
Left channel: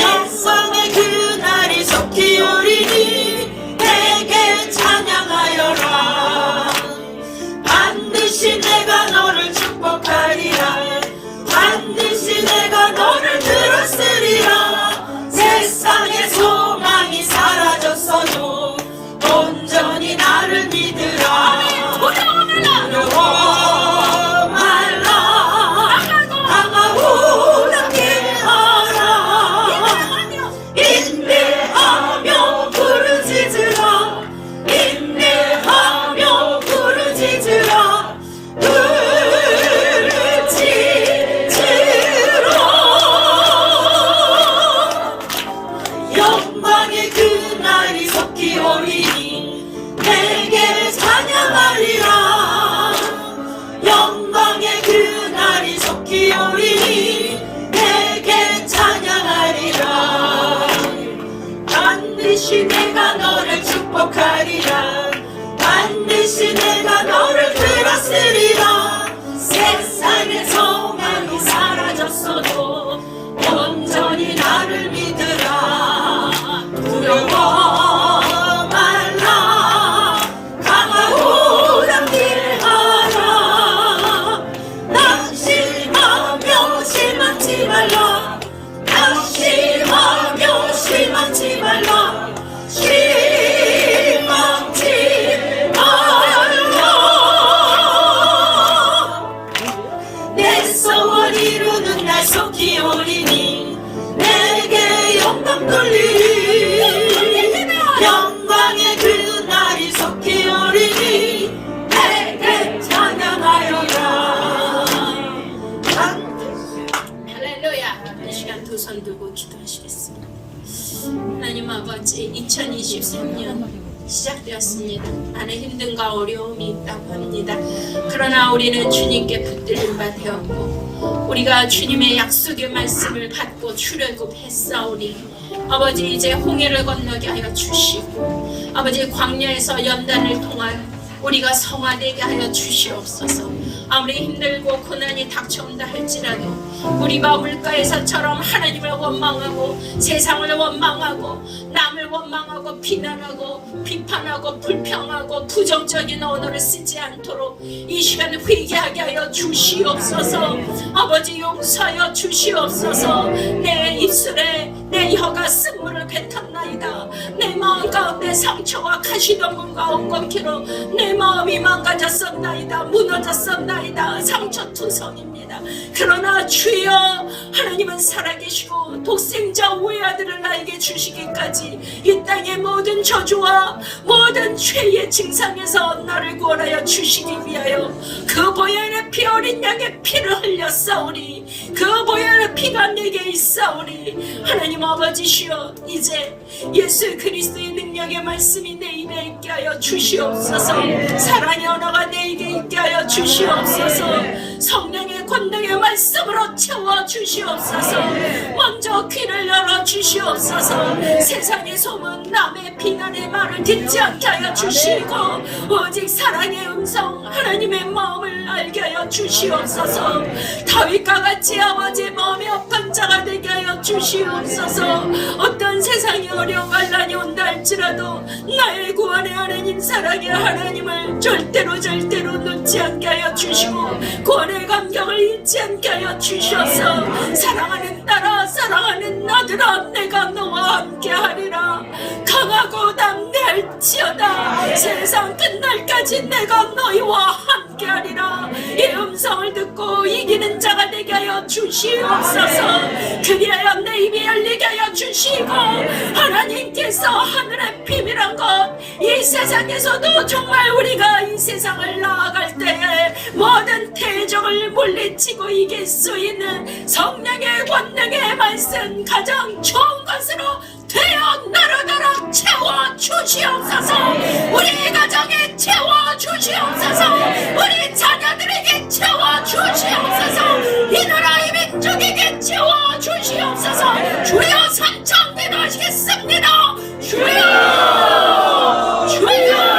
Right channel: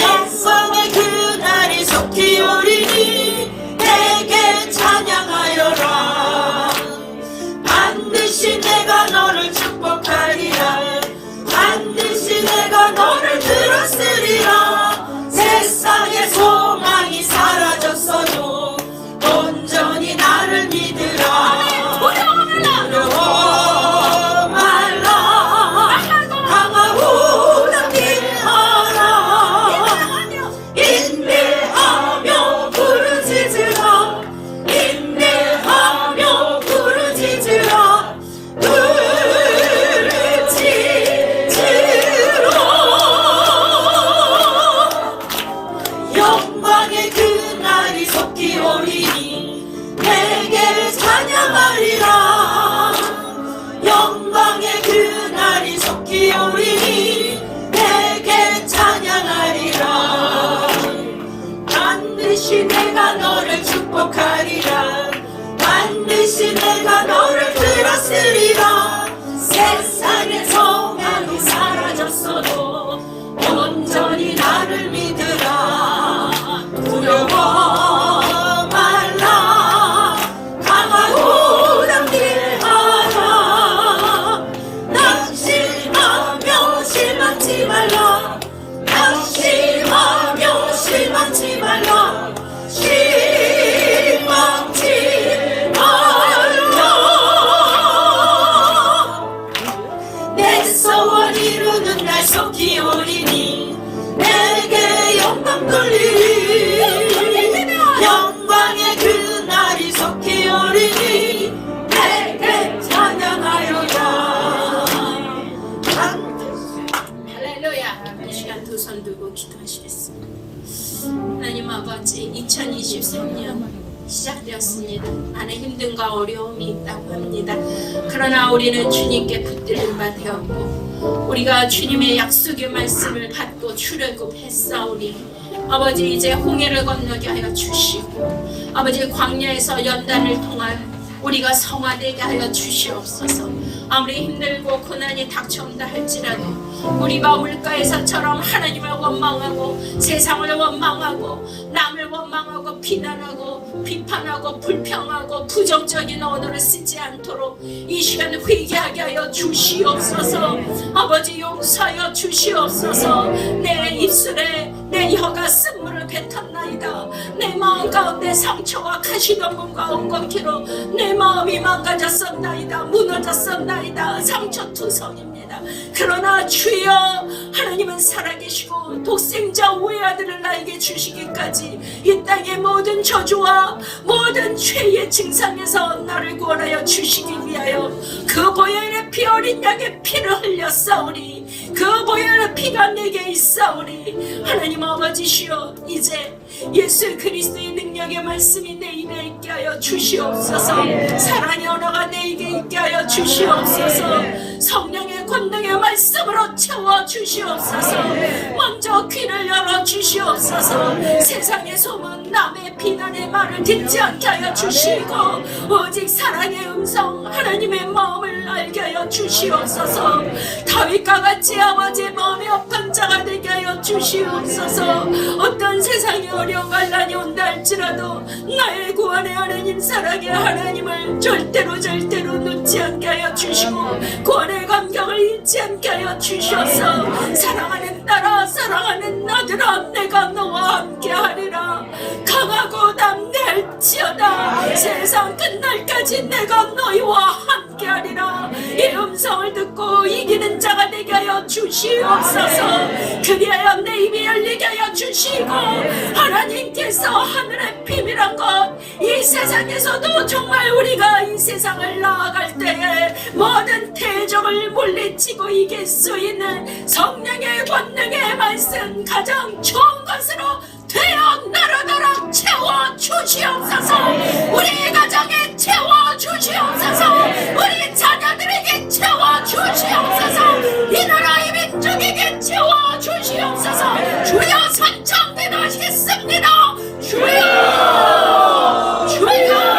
영광의 그날이 속히 오리니 내게 찬양하여라. 반드시 내가 너를 축복하리라. 반드시 내가 너를 들었으리라. 세상의 소망이 사라졌어도 온전히 나를 믿으라. 두려워 말라. 강하고 담대하라. 인내하며 부르짖으라. 인내하며 부르짖으라. 영광의 그날이 속히 오리니 내게 찬양하리라. 영광의 그날이 속히 오리니 내게 찬양하리라. 반드시 내가 너를 축복하리라. 반드시 내가 너를 들었으리라. 세상의 소망이 사라졌어도 온전히 나를 믿으라. 두려워 말라. 강하고 담대하라. 낙심하며 실망치 말라. 낙심하며 실망치 말라. 실망치 말라. 내 소원 이루는 날 속히 오리니 내게 영광 돌리리. 영광의 그날이 속히 오리니 내게 찬양하여라. 할렐루야. 이 시간 두 손 들고 기도하시겠습니다. 하나님 아버지, 2023년 시작되었습니다. 안에 힘듦과 어려움이 있다고 합니다. 그러나 우리는 주님께 붙들린 바 되었고 우리가 주님의 약속의 말씀을 받고 출애굽했사오니 아버지 이제 홍해를 건너게 하여 주시고 아버지 광야에서 연단을 통하여 우리가 성화되게 하여 주시옵소서. 아무리 힘들고 고난이 닥쳐온다 할지라도 우리가 물가에서처럼 하나님을 원망하고 세상을 원망하고 남을 원망하고 비난하고 비판하고 불평하고 부정적인 언어를 쓰지 않도록 이 시간 회개하게 하여 주시옵소서. 아버지 용서하여 주시옵소서. 내 입술에 내 혀가 쓴물을 뱉었나이다. 내 마음 가운데 상처와 가시덤불과 엉겁기로 내 마음이 망가졌었나이다. 무너졌었나이다. 상처투성입니다. 그러나 주여 하나님은 살아계시고 독생자 외아들을 나에게 주시기까지 이 땅의 모든 저주와 모든 죄의 증상에서 나를 구원하여 주시기 위하여 그 보혈의 피 어린 양의 피를 흘렸사오니 그 보혈의 피가 내게 있사오니 하나님 아버지시여 이제 예수 그리스도의 능력의 말씀이 내 입에 있게 하여 주시옵소서. 사랑의 언어가 내 입에 있게 하여 주시옵소서. 성령의 권능의 말씀으로 채워 주시옵소서. 먼저 귀를 열어 주시옵소서. 세상의 소문 남의 비난의 말을 듣지 않게 하여 주시고 오직 사랑의 음성 하나님의 마음을 알게 하여 주시옵소서. 다윗과 같이 아버지의 마음이 아픈 자가 되게 하여 주시옵소서. 어떤 세상이 어려운 환난이 온다 할지라도 나의 구원의 하나님 사랑의 하나님을 절대로 놓지 않게 하여 주시고 구원의 감격을 잊지 않게 하여 주셔서 사랑하는 딸아 사랑하는 아들아 내가 너와 함께 하리라. 강하고 담대할지어다 세상 끝날까지 내가 너희와 함께 하리라. 이 음성을 듣고 이기는 자가 되게 하여 주시옵소서. 그리하여 내 입이 열리게 하여 주시고 하나님께서 하늘의 비밀한 것 이 세상에서도 정말 우리가 이 세상을 나아갈 때에 모든 대적을 물리치고 이길 수 있는 성령의 권능의 말씀 가장 좋은 것으로 되어 나라나라 채워 주시옵소서. 우리 가정에 채워 주시옵소서. 우리 자녀들에게 채워 주시옵소서. 이 나라의 민족에게 채워 주시옵소서. 주여 선창기도하겠습니다. 주여 주여 주여.